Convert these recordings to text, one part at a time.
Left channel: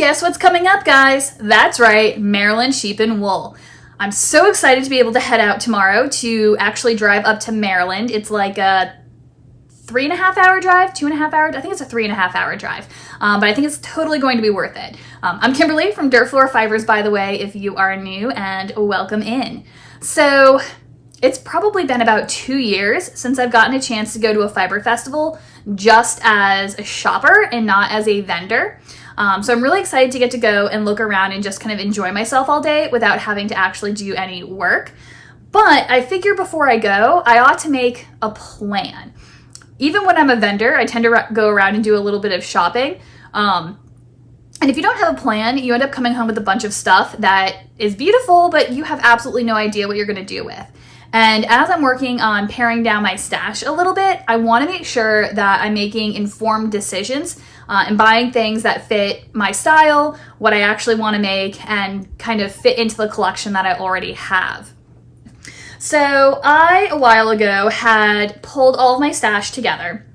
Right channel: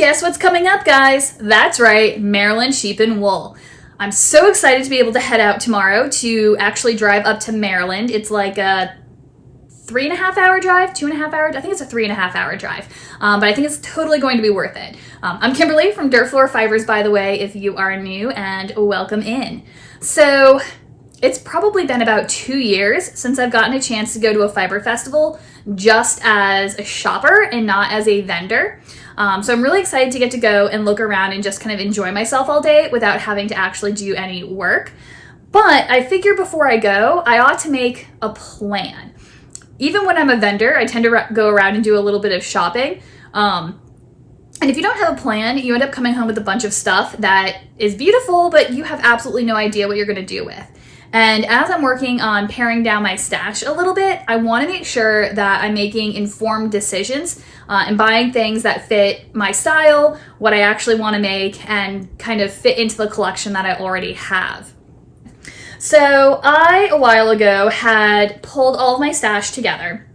Guess what's coming up, guys? That's right, Maryland Sheep and Wool. I'm so excited to be able to head out tomorrow to actually drive up to Maryland. It's like a 3.5 hour drive, 2.5 hours. I think it's a 3.5 hour drive, but I think it's totally going to be worth it. I'm Kimberly from Dirt Floor Fibers, by the way, if you are new, and welcome in. So it's probably been about 2 years since I've gotten a chance to go to a fiber festival just as a shopper and not as a vendor. So I'm really excited to get to go and look around and just kind of enjoy myself all day without having to actually do any work. But I figure before I go, I ought to make a plan. Even when I'm a vendor, I tend to go around and do a little bit of shopping. And if you don't have a plan, you end up coming home with a bunch of stuff that is beautiful, but you have absolutely no idea what you're going to do with. And as I'm working on paring down my stash a little bit, I want to make sure that I'm making informed decisions and buying things that fit my style, what I actually want to make, and kind of fit into the collection that I already have. So I, a while ago, had pulled all of my stash together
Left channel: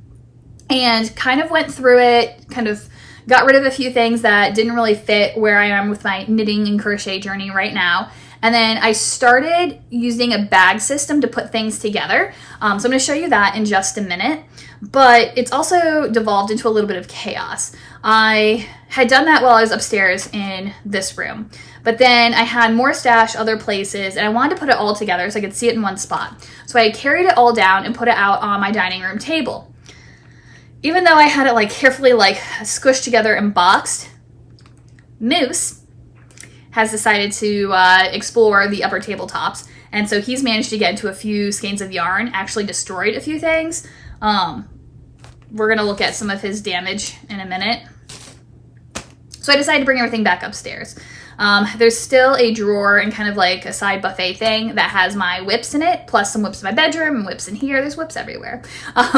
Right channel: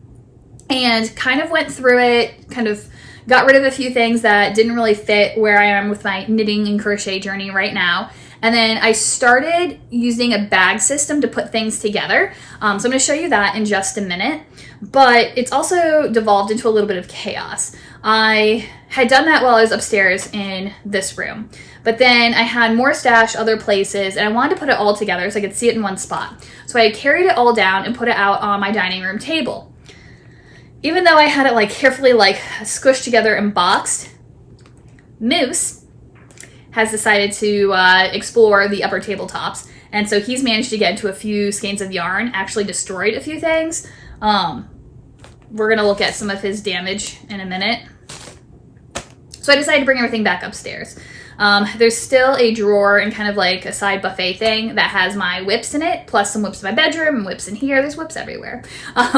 and kind of went through it, kind of got rid of a few things that didn't really fit where I am with my knitting and crochet journey right now. And then I started using a bag system to put things together. So I'm going to show you that in just a minute. But it's also devolved into a little bit of chaos. I had done that while I was upstairs in this room. But then I had more stash other places, and I wanted to put it all together so I could see it in one spot. So I carried it all down and put it out on my dining room table. Even though I had it carefully squished together and boxed, Moose has decided to explore the upper tabletops. And so he's managed to get into a few skeins of yarn, actually destroyed a few things. We're gonna look at some of his damage in a minute. So I decided to bring everything back upstairs. There's still a drawer and kind of a side buffet thing that has my whips in it, plus some whips in my bedroom and whips in here. There's whips everywhere.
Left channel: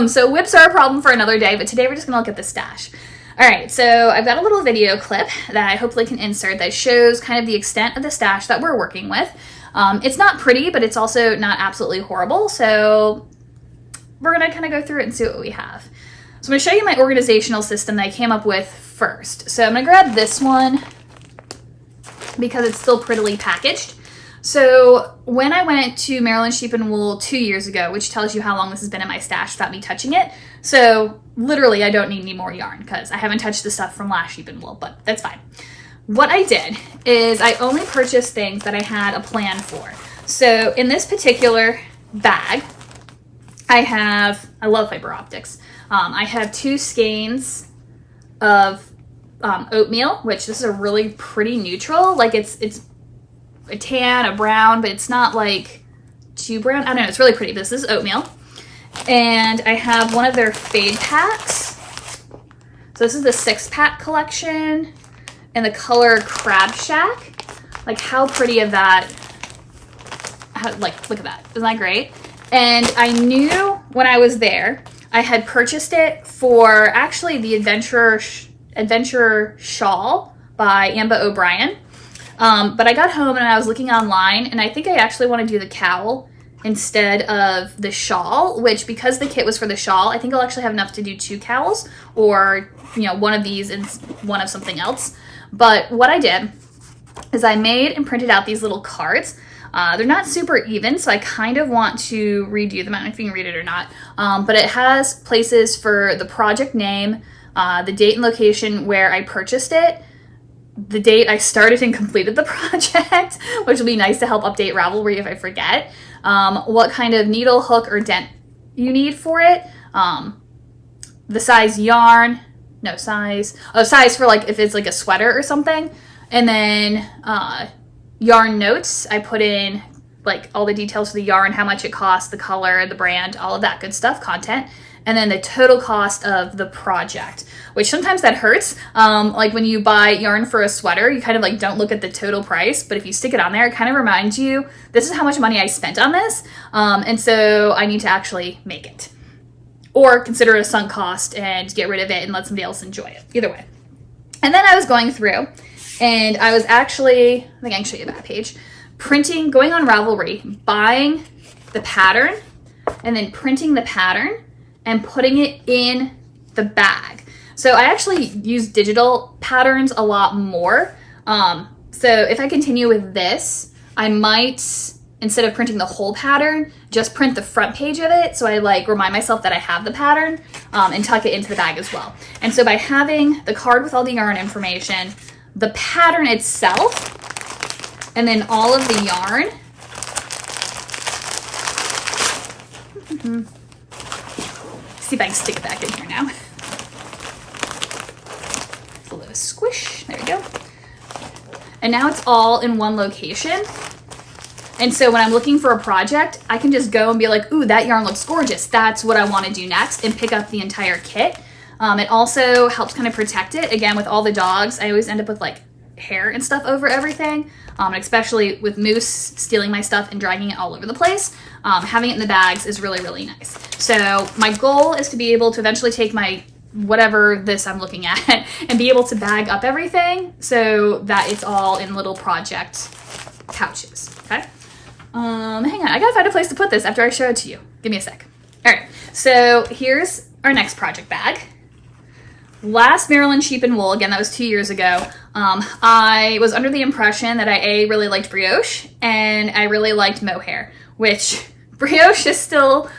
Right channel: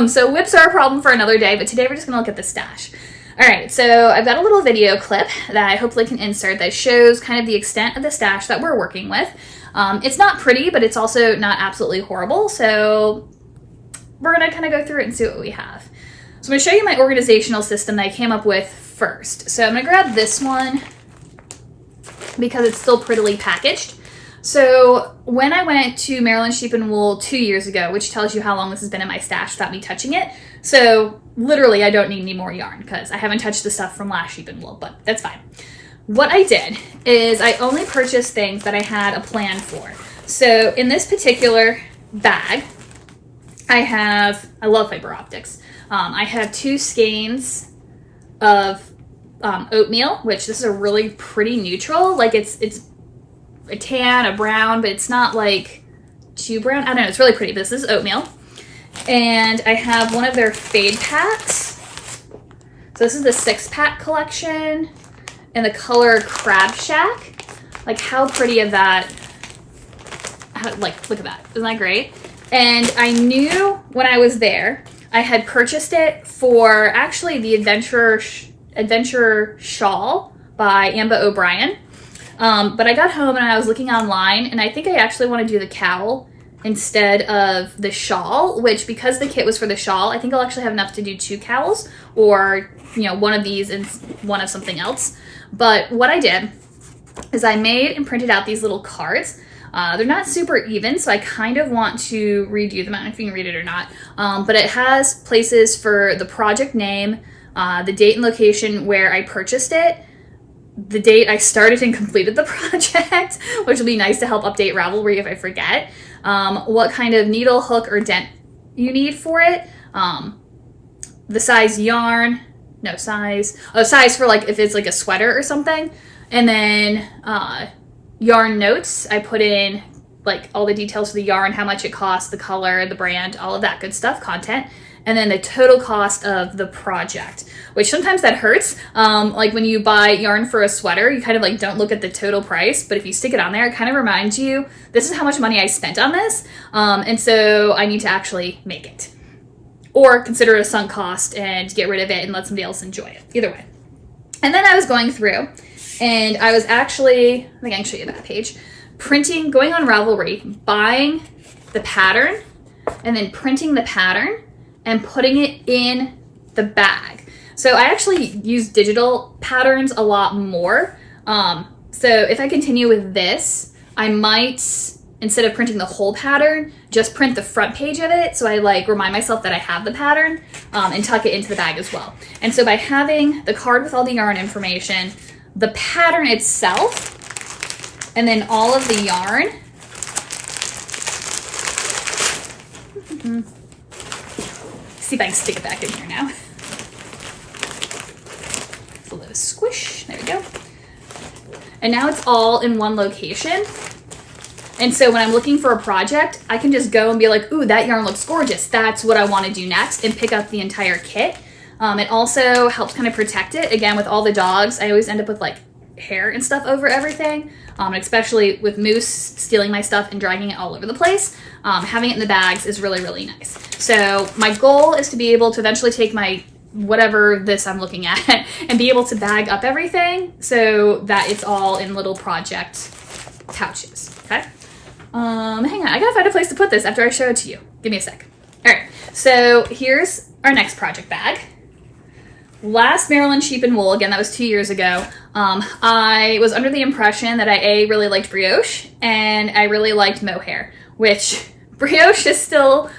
So whips are a problem for another day, but today we're just gonna look at the stash. All right, so I've got a little video clip that I hopefully can insert that shows kind of the extent of the stash that we're working with. It's not pretty, but it's also not absolutely horrible. So we're gonna kind of go through it and see what we have. So I'm gonna show you my organizational system that I came up with first. So I'm gonna grab this one because it's still prettily packaged. So when I went to Maryland Sheep and Wool 2 years ago, which tells you how long this has been in my stash without me touching it. So literally I don't need any more yarn because I haven't touched the stuff from last Sheep and Wool, but that's fine. What I did is I only purchased things that I had a plan for. So in this particular bag, I love fiber optics. I have 2 skeins of oatmeal, which this is a really pretty neutral. It's a tan, a brown, but it's not too brown. I don't know, it's really pretty. This is oatmeal. And I have one of their fade packs. So this is the 6-pack collection in the color Crab Shack. How pretty of that. Look at that. Isn't that great? And I knew when I was there, I had purchased it for actually the Adventure Shawl by Amba O'Brien. But I got home and I was looking online, and I think I actually want to do the cowl instead of the shawl, which because the kit was for the shawl, I think I'll actually have enough to do 2 cowls, or one of these and one of something else. But what I did is I made and printed out these little cards. They're not super even, so I kind of want to redo them. I don't know if you can read it or not, but it has places for the project name, the date and location where I purchased it, the date I started and completed the project, which will be nice to help update Ravelry if I forget, what kind of needle, hook, or dent you need for it, the size yarn, size for if it's a sweater or something, and then yarn notes. I put in all the details for the yarn, how much it costs, the color, the brand, all of that good stuff, content. And then the total cost of the project, which sometimes that hurts. When you buy yarn for a sweater, you kind of don't look at the total price, but if you stick it on there, it kind of reminds you, this is how much money I spent on this. And so I need to actually make it. Or consider it a sunk cost and get rid of it and let somebody else enjoy it. Either way. And then I was going through, and I was actually, I think I can show you that page, going on Ravelry, buying the pattern, and then printing the pattern and putting it in the bag. So I actually use digital patterns a lot more. So if I continue with this, I might, instead of printing the whole pattern, just print the front page of it. So I like remind myself that I have the pattern and tuck it into the bag as well. And so by having the card with all the yarn information, the pattern itself, and then all of the yarn, see if I can stick it back in here now. It's a little squish, there we go. And now it's all in one location. And so when I'm looking for a project, I can just go and be like, ooh, that yarn looks gorgeous. That's what I want to do next, and pick up the entire kit. It also helps kind of protect it. Again, with all the dogs, I always end up with like hair and stuff over everything. Especially with Moose stealing my stuff and dragging it all over the place. Having it in the bags is really, really nice. So my goal is to be able to eventually take my whatever this I'm looking at and be able to bag up everything so that it's all in little project pouches, okay? Hang on, I gotta find a place to put this after I show it to you. Give me a sec. All right, so here's our next project bag. Last Maryland Sheep and Wool, again, that was 2 years ago. I was under the impression that I really liked brioche and I really liked mohair, which brioche is still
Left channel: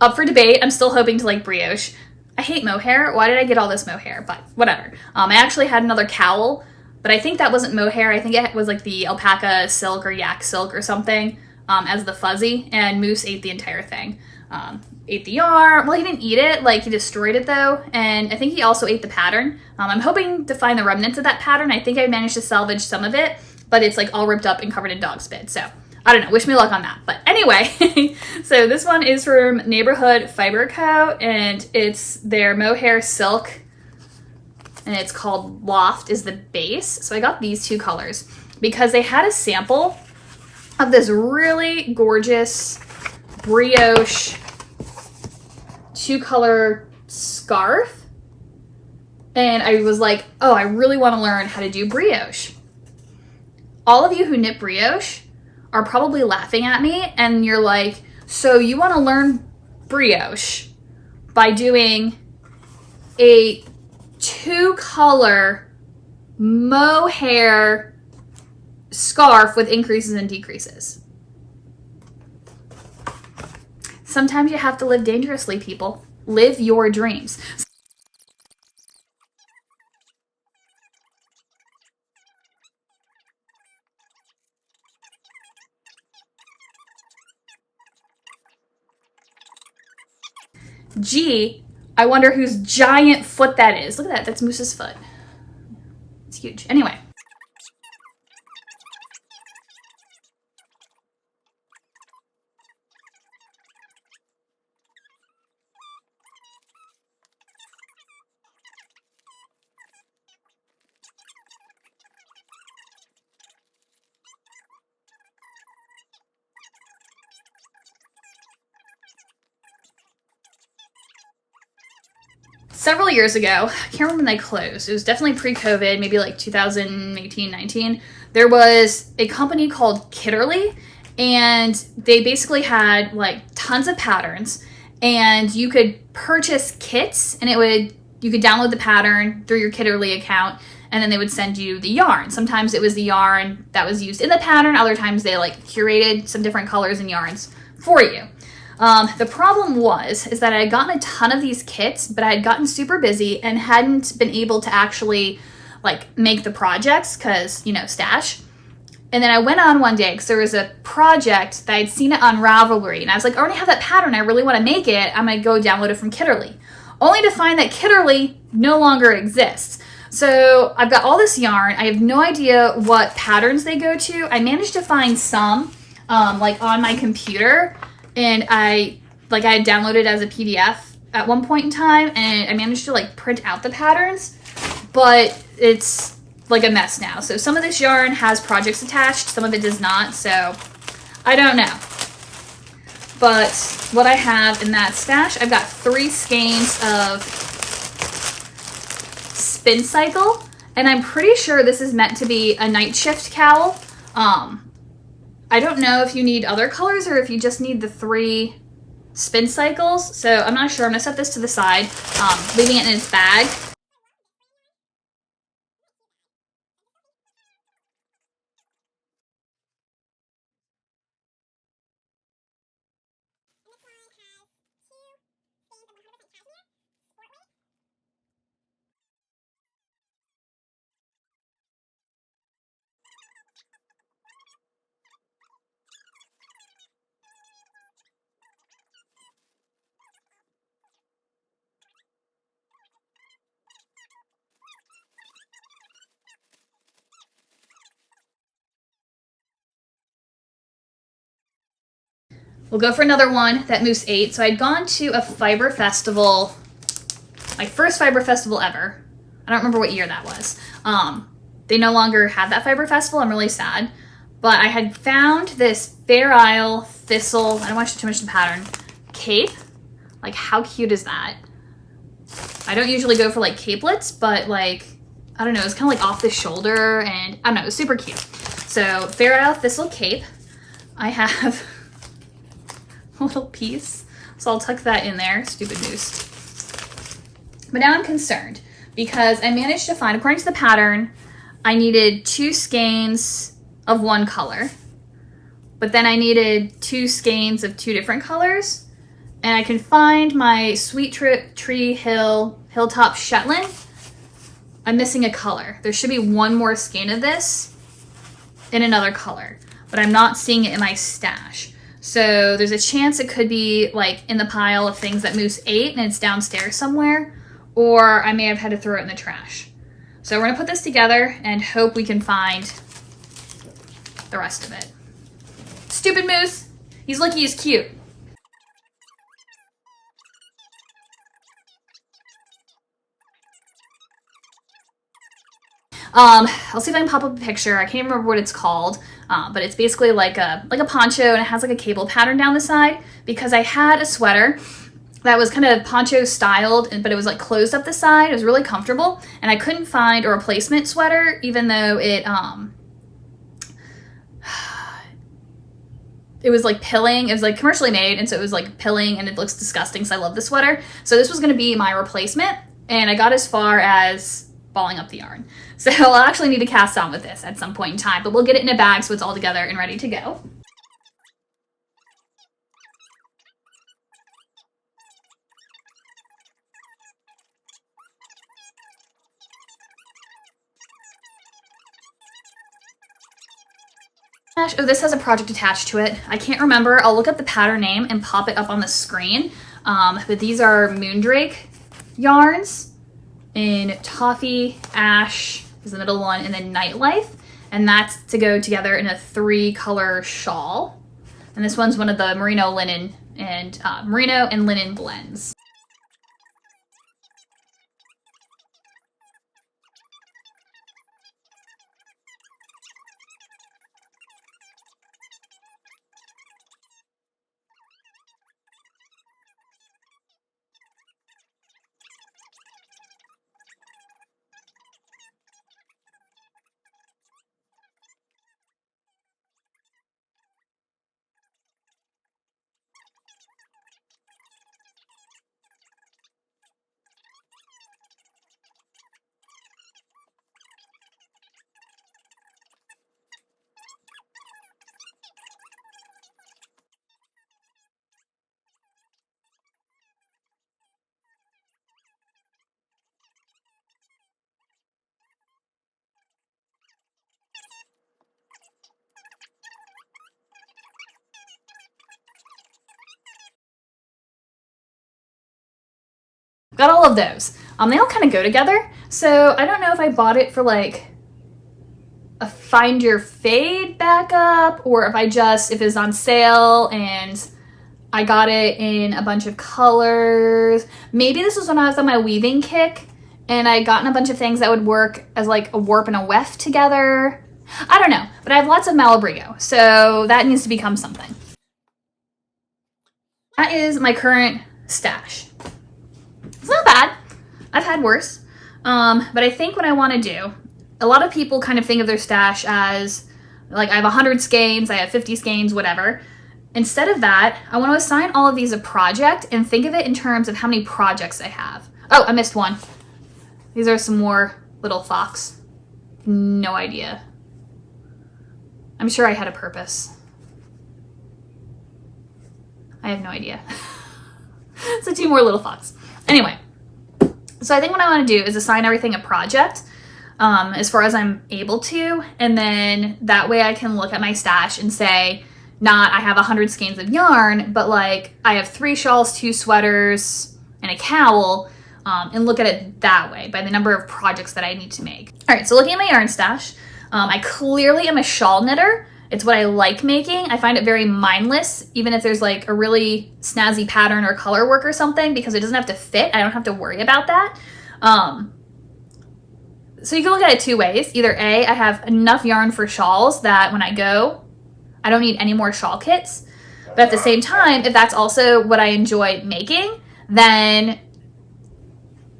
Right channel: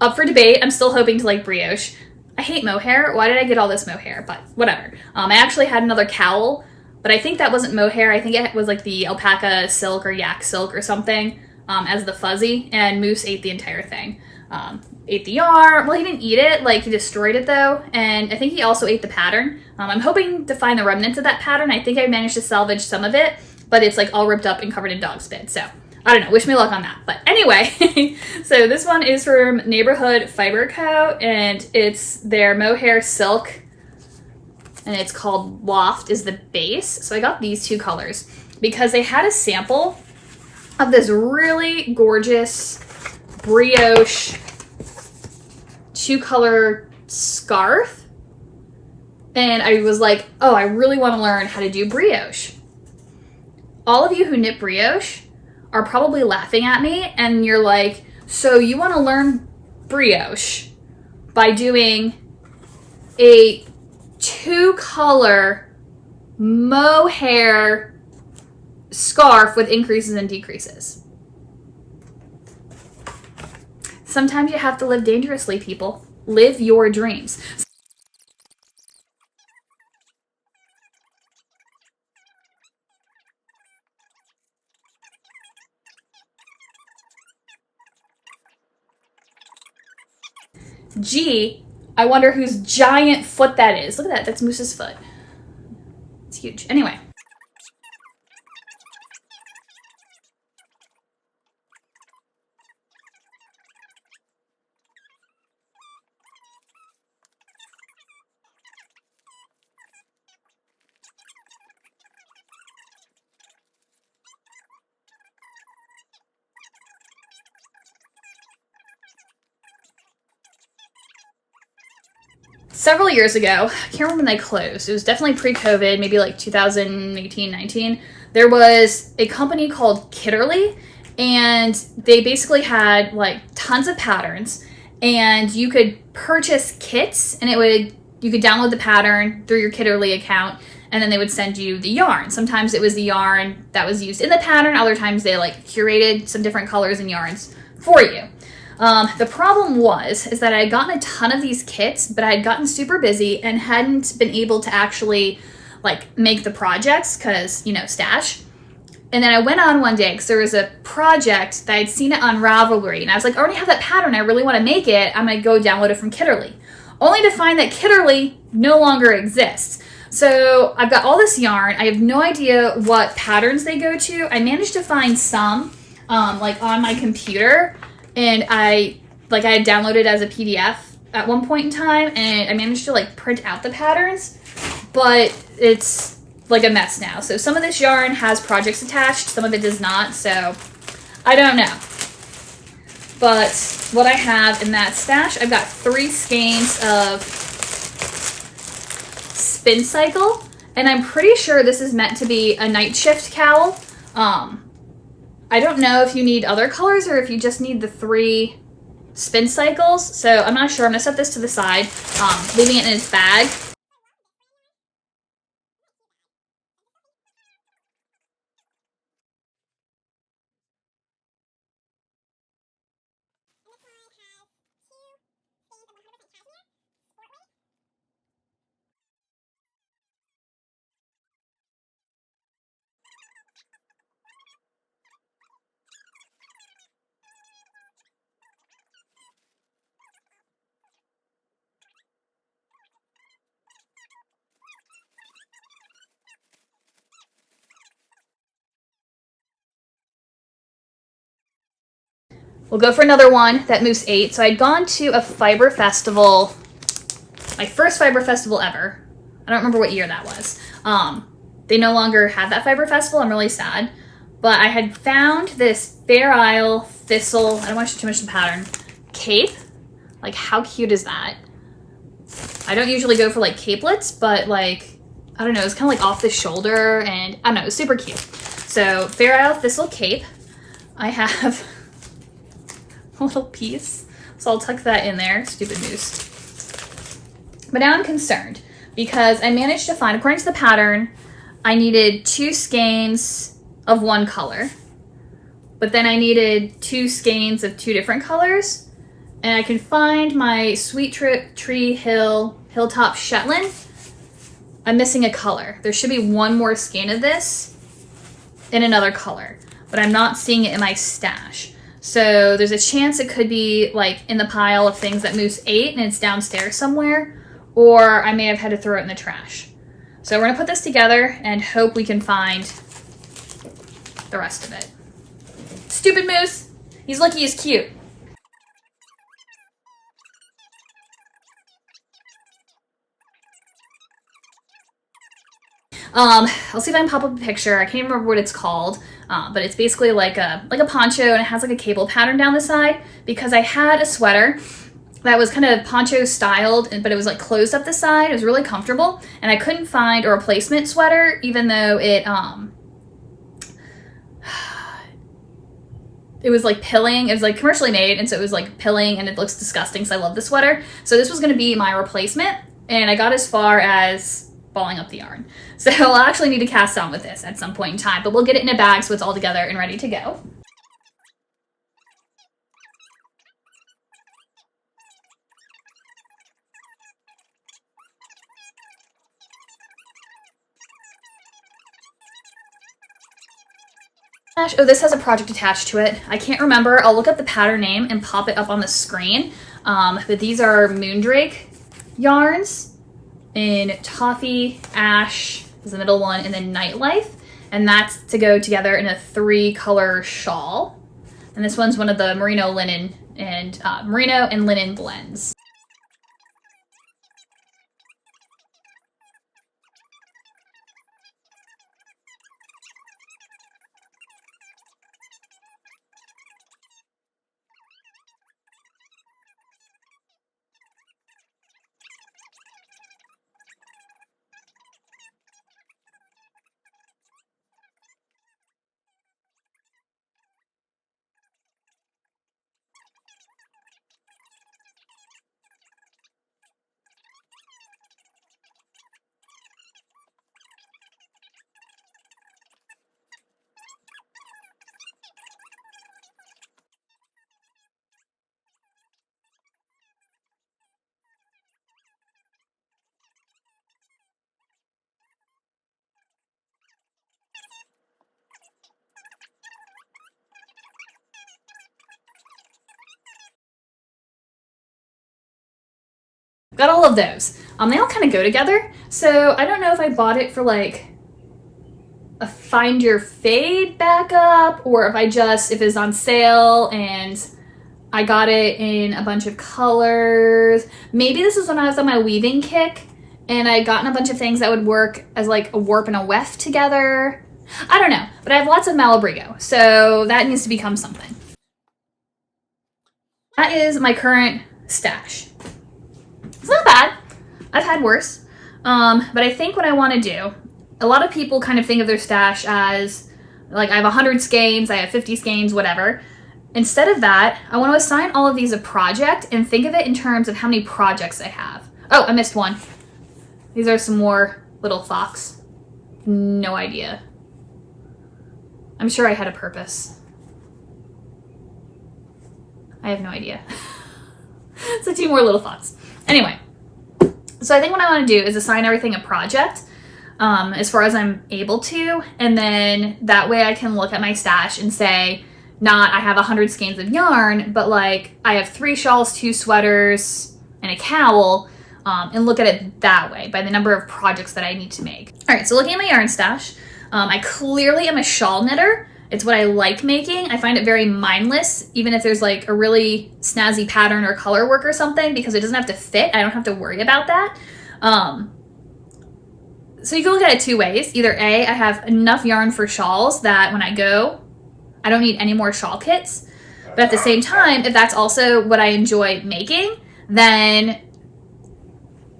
up for debate. I'm still hoping to like brioche. I hate mohair. Why did I get all this mohair? But whatever. I actually had another cowl, but I think that wasn't mohair. I think it was like the alpaca silk or yak silk or something as the fuzzy, and Moose ate the entire thing. Ate the yarn. Well, he didn't eat it, like he destroyed it though, and I think he also ate the pattern. I'm hoping to find the remnants of that pattern. I think I managed to salvage some of it, but it's like all ripped up and covered in dog spit, so I don't know, wish me luck on that. But anyway, so this one is from Neighborhood Fiber Co, and it's their mohair silk, and it's called Loft is the base. So I got these two colors because they had a sample of this really gorgeous brioche 2-color scarf, and I was like, oh, I really want to learn how to do brioche. All of you who knit brioche are probably laughing at me, and you're like, so you want to learn brioche by doing a 2-color mohair scarf with increases and decreases. Sometimes you have to live dangerously, people. Live your dreams. Gee, I wonder whose giant foot that is. Look at that, that's Moose's foot. It's huge. Anyway. Several years ago, I can't remember when they closed. It was definitely pre-COVID, maybe like 2018, 19. There was a company called Kitterly, and they basically had like tons of patterns, and you could purchase kits, and you could download the pattern through your Kitterly account, and then they would send you the yarn. Sometimes it was the yarn that was used in the pattern. Other times they like curated some different colors and yarns for you. The problem is that I had gotten a ton of these kits, but I had gotten super busy and hadn't been able to actually like make the projects because, you know, stash. And then I went on one day because there was a project that I'd seen it on Ravelry, and I was like, I already have that pattern. I really want to make it. I'm going to go download it from Kitterly, only to find that Kitterly no longer exists. So I've got all this yarn. I have no idea what patterns they go to. I managed to find some like on my computer, and I had downloaded as a PDF at one point in time, and I managed to like print out the patterns, but it's like a mess now. So some of this yarn has projects attached, some of it does not, so I don't know. But what I have in that stash, I've got 3 skeins of Spin Cycle, and I'm pretty sure this is meant to be a night shift cowl. I don't know if you need other colors or if you just need the 3 spin cycles, so I'm not sure. I'm gonna set this to the side, leaving it in its bag. We'll go for another one that moves 8. So I'd gone to a fiber festival, my first fiber festival ever. I don't remember what year that was. They no longer had that fiber festival. I'm really sad. But I had found this Fair Isle Thistle, I don't want to show too much of the pattern, cape. Like, how cute is that? I don't usually go for like capelets, but like, I don't know, it's kind of like off the shoulder and I don't know, it was super cute. So Fair Isle Thistle cape. I have a little piece, so I'll tuck that in there, stupid moose. But now I'm concerned because I managed to find, according to the pattern, I needed 2 skeins of one color, but then I needed 2 skeins of 2 different colors. And I can find my Sweet Tree Hilltop Shetland. I'm missing a color. There should be one more skein of this in another color, but I'm not seeing it in my stash. So there's a chance it could be like in the pile of things that moves 8 and it's downstairs somewhere, or I may have had to throw it in the trash. So we're gonna put this together and hope we can find the rest of it. Stupid moose. He's lucky he's cute. I'll see if I can pop up a picture. I can't even remember what it's called, but it's basically like a poncho, and it has like a cable pattern down the side because I had a sweater that was kind of poncho styled, but it was like closed up the side. It was really comfortable, and I couldn't find a replacement sweater, even though it was like pilling. It was like commercially made, and so it was like pilling, and it looks disgusting, so I love the sweater. So this was going to be my replacement, and I got as far as balling up the yarn. So I'll actually need to cast on with this at some point in time, but we'll get it in a bag so it's all together and ready to go. Oh, this has a project attached to it. I can't remember. I'll look up the pattern name and pop it up on the screen. But these are Moondrake yarns in Toffee, Ash is the middle one, and then Nightlife. And that's to go together in a 3-color shawl. And this one's one of the merino linen and merino and linen blends. Got all of those. They all kind of go together. So I don't know if I bought it for like a Find Your Fade backup, or if if it's on sale and I got it in a bunch of colors. Maybe this is when I was on my weaving kick and I'd gotten a bunch of things that would work as like a warp and a weft together. I don't know, but I have lots of Malabrigo, so that needs to become something. That is my current stash. It's not bad. I've had worse. But I think what I want to do, a lot of people kind of think of their stash as like I have 100 skeins, I have 50 skeins, whatever. Instead of that, I want to assign all of these a project and think of it in terms of how many projects I have. Oh, I missed one. These are some more little fox. No idea. I'm sure I had a purpose. I have no idea. So 2 more little fox. Anyway, so I think what I want to do is assign everything a project as far as I'm able to, and then that way I can look at my stash and say, not I have 100 skeins of yarn, but like I have 3 shawls, 2 sweaters, and a cowl, and look at it that way by the number of projects that I need to make. All right, so looking at my yarn stash, I clearly am a shawl knitter, It's what I like making. I find it very mindless, even if there's like a really snazzy pattern or color work or something, because it doesn't have to fit. I don't have to worry about that. So you can look at it two ways. Either A, I have enough yarn for shawls that when I go, I don't need any more shawl kits. But at the same time, if that's also what I enjoy making, then,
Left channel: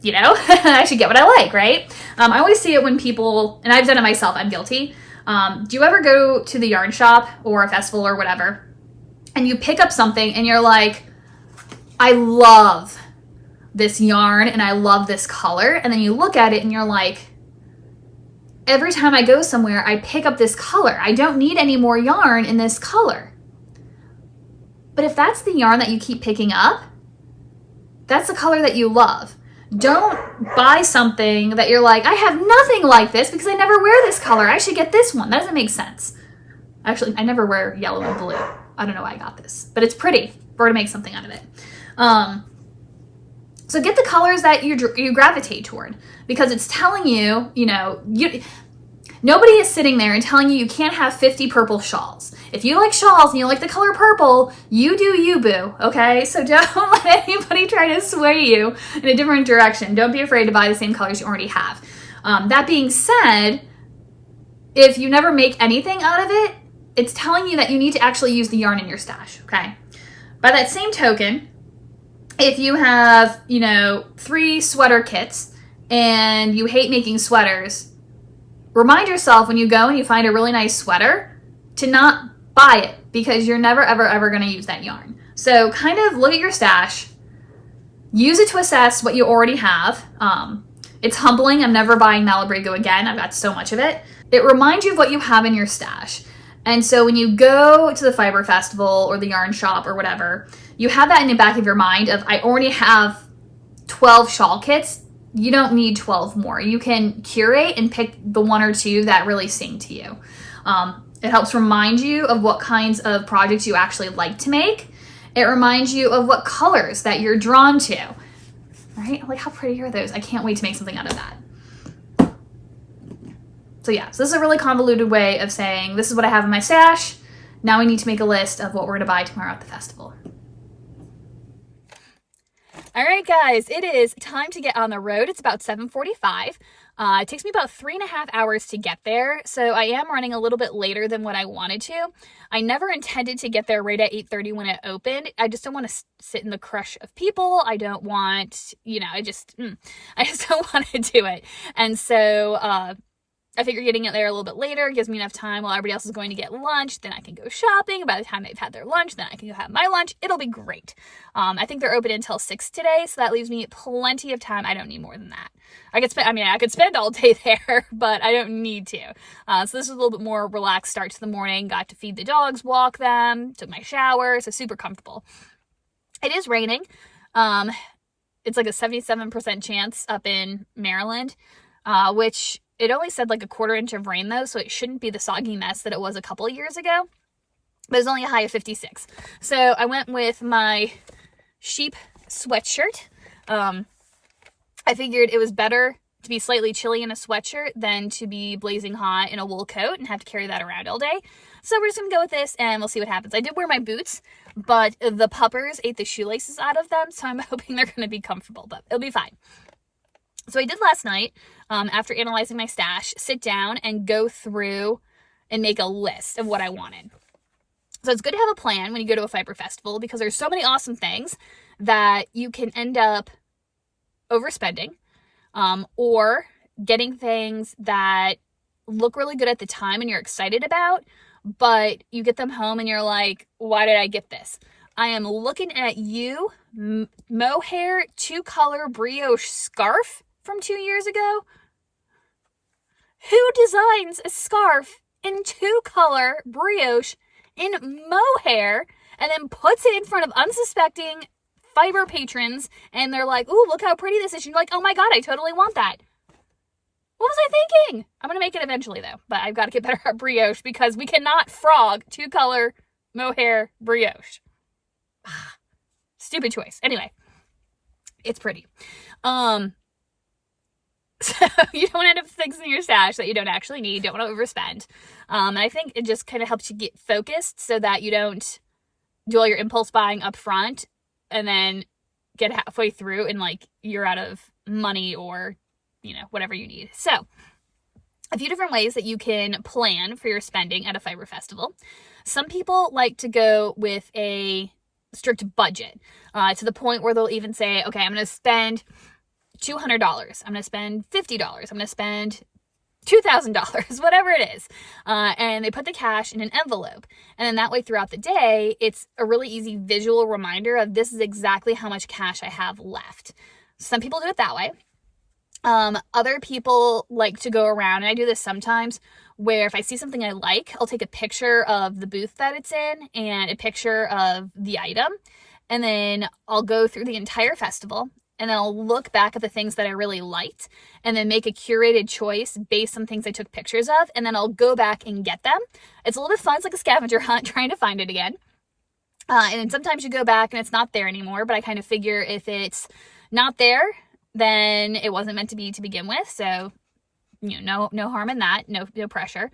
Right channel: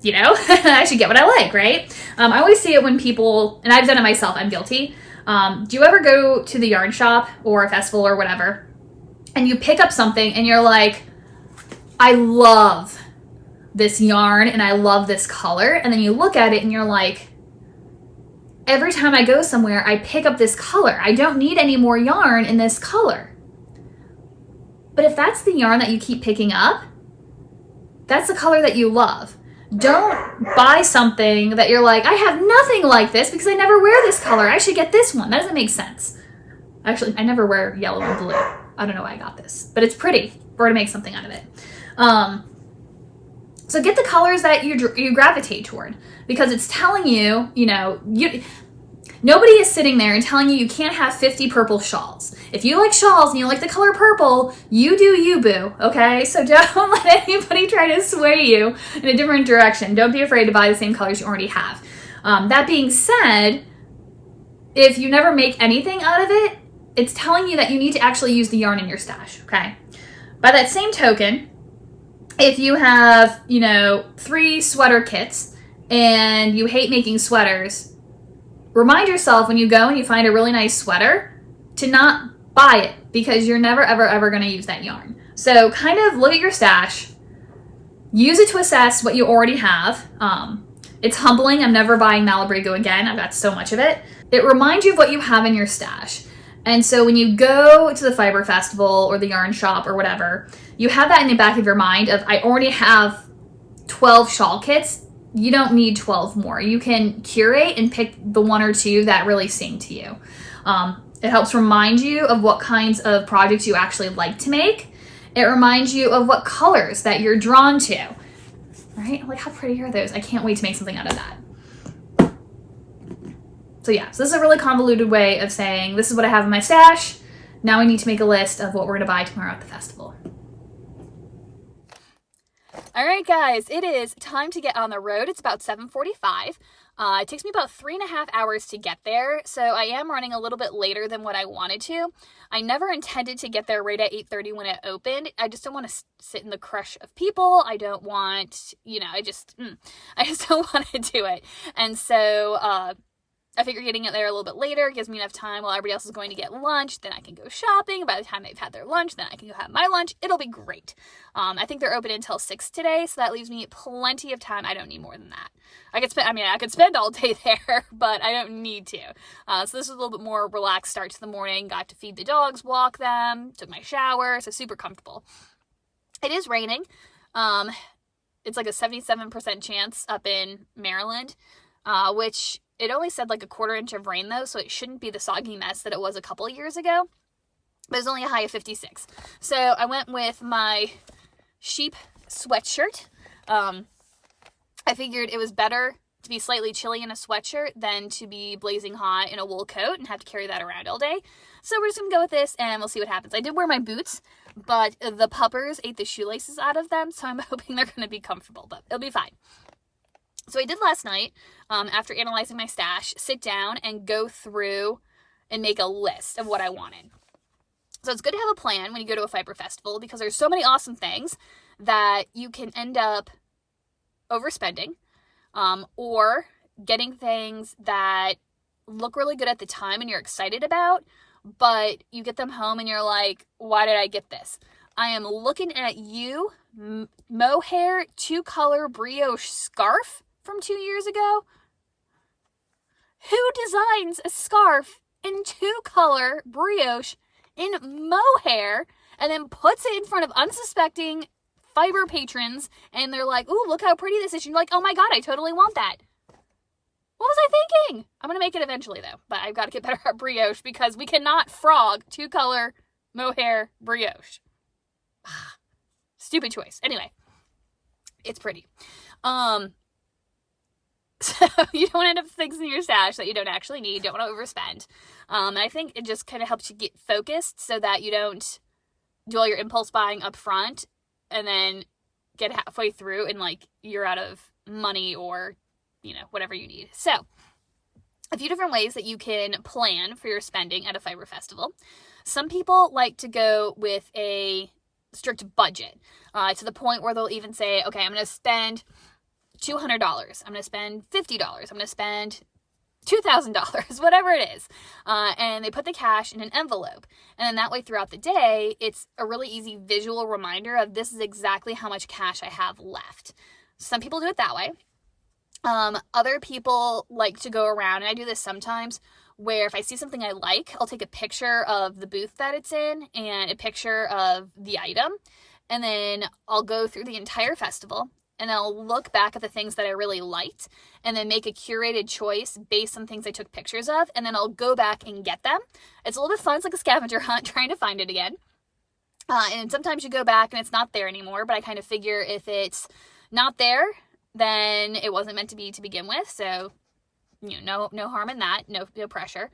you know, I should get what I like, right? I always see it when people, and I've done it myself, I'm guilty. Do you ever go to the yarn shop or a festival or whatever, and you pick up something and you're like, I love this yarn and I love this color, and then you look at it and you're like, every time I go somewhere, I pick up this color. I don't need any more yarn in this color. But if that's the yarn that you keep picking up, that's the color that you love. Don't buy something that you're like, I have nothing like this because I never wear this color. I should get this one. That doesn't make sense. Actually, I never wear yellow and blue. I don't know why I got this, but it's pretty. We're gonna make something out of it. So get the colors that you gravitate toward, because it's telling you, nobody is sitting there and telling you can't have 50 purple shawls. If you like shawls and you like the color purple, you do you, boo, okay? So don't let anybody try to sway you in a different direction. Don't be afraid to buy the same colors you already have. That being said, if you never make anything out of it, it's telling you that you need to actually use the yarn in your stash, okay? By that same token, if you have, 3 sweater kits and you hate making sweaters, remind yourself when you go and you find a really nice sweater to not buy it, because you're never, ever, ever going to use that yarn. So kind of look at your stash, use it to assess what you already have. It's humbling. I'm never buying Malabrigo again. I've got so much of it. It reminds you of what you have in your stash. And so when you go to the fiber festival or the yarn shop or whatever, you have that in the back of your mind of, I already have 12 shawl kits. You don't need 12 more. You can curate and pick the 1 or 2 that really sing to you. It helps remind you of what kinds of projects you actually like to make. It reminds you of what colors that you're drawn to, right? Like, how pretty are those? I can't wait to make something out of that. So yeah, so this is a really convoluted way of saying, this is what I have in my stash. Now we need to make a list of what we're gonna buy tomorrow at the festival. All right, guys, it is time to get on the road. It's about 7:45. It takes me about 3.5 hours to get there, so I am running a little bit later than what I wanted to. I never intended to get there right at 8:30 when it opened. I just don't want to sit in the crush of people. I don't want, I just don't want to do it. And so I figure getting it there a little bit later gives me enough time while everybody else is going to get lunch. Then I can go shopping. By the time they've had their lunch, then I can go have my lunch. It'll be great. I think they're open until 6 today, so that leaves me plenty of time. I don't need more than that. I could spend all day there, but I don't need to. So this is a little bit more relaxed start to the morning. Got to feed the dogs, walk them, took my shower, so super comfortable. It is raining. It's like a 77% chance up in Maryland, which it only said like a 1/4 inch of rain though, so it shouldn't be the soggy mess that it was a couple of years ago. But it was only a high of 56. So I went with my sheep sweatshirt. I figured it was better to be slightly chilly in a sweatshirt than to be blazing hot in a wool coat and have to carry that around all day. So we're just gonna go with this and we'll see what happens. I did wear my boots, but the puppers ate the shoelaces out of them, so I'm hoping they're gonna be comfortable, but it'll be fine. So I did last night, after analyzing my stash, sit down and go through and make a list of what I wanted. So it's good to have a plan when you go to a fiber festival, because there's so many awesome things that you can end up overspending, or getting things that look really good at the time and you're excited about, but you get them home and you're like, why did I get this? I am looking at you, mohair 2-color brioche scarf from 2 years ago. Who designs a scarf in 2-color brioche in mohair and then puts it in front of unsuspecting fiber patrons and they're like, ooh, look how pretty this is. And you're like, oh my God, I totally want that. What was I thinking? I'm going to make it eventually though, but I've got to get better at brioche because we cannot frog 2-color mohair brioche. Stupid choice. Anyway, it's pretty. So you don't end up fixing your stash that you don't actually need, don't want to overspend. And I think it just kind of helps you get focused so that you don't do all your impulse buying up front and then get halfway through and like you're out of money or, you know, whatever you need. So a few different ways that you can plan for your spending at a fiber festival. Some people like to go with a strict budget to the point where they'll even say, okay, I'm going to spend $200. I'm going to spend $50. I'm going to spend $2,000, whatever it is. And they put the cash in an envelope. And then that way throughout the day, it's a really easy visual reminder of this is exactly how much cash I have left. Some people do it that way. Other people like to go around, and I do this sometimes, where if I see something I like, I'll take a picture of the booth that it's in and a picture of the item. And then I'll go through the entire festival and then I'll look back at the things that I really liked and then make a curated choice based on things I took pictures of. And then I'll go back and get them. It's a little bit fun. It's like a scavenger hunt trying to find it again. And sometimes you go back and it's not there anymore, but I kind of figure if it's not there, then it wasn't meant to be to begin with. So, you know, no harm in that. No pressure.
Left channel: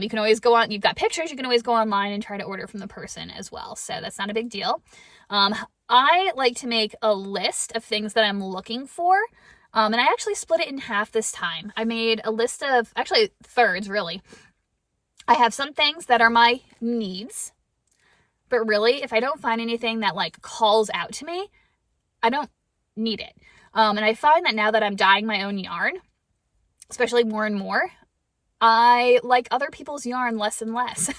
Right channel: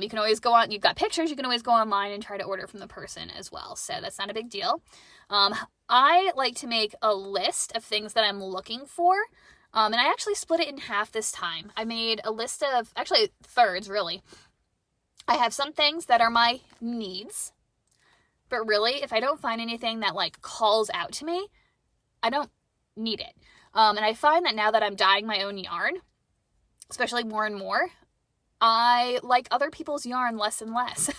You can always go on, you've got pictures, you can always go online and try to order from the person as well. So that's not a big deal. I like to make a list of things that I'm looking for. And I actually split it in half this time. I made a list of, actually thirds really. I have some things that are my needs, but really if I don't find anything that like calls out to me, I don't need it. And I find that now that I'm dyeing my own yarn, especially more and more, I like other people's yarn less and less.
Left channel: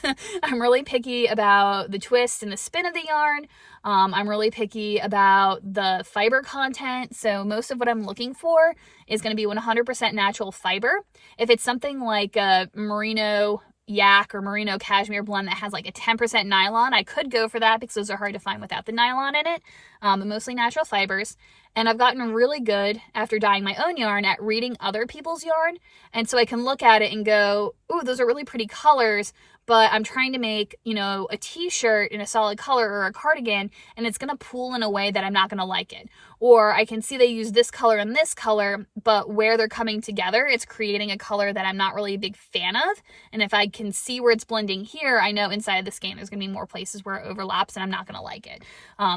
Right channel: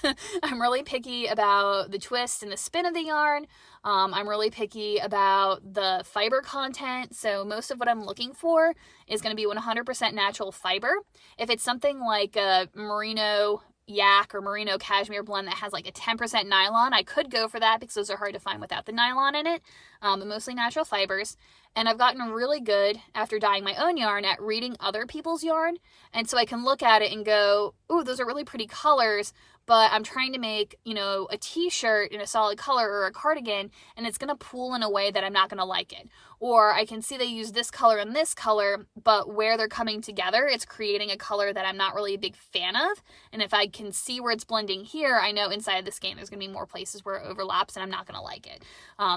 I'm really picky about the twist and the spin of the yarn. I'm really picky about the fiber content. So most of what I'm looking for is going to be 100% natural fiber. If it's something like a merino yak or merino cashmere blend that has like a 10% nylon, I could go for that because those are hard to find without the nylon in it, but mostly natural fibers. And I've gotten really good after dyeing my own yarn at reading other people's yarn. And so I can look at it and go, ooh, those are really pretty colors, but I'm trying to make, you know, a t-shirt in a solid color or a cardigan, and it's going to pool in a way that I'm not going to like it. Or I can see they use this color and this color, but where they're coming together, it's creating a color that I'm not really a big fan of. And if I can see where it's blending here, I know inside the skein there's going to be more places where it overlaps and I'm not going to like it.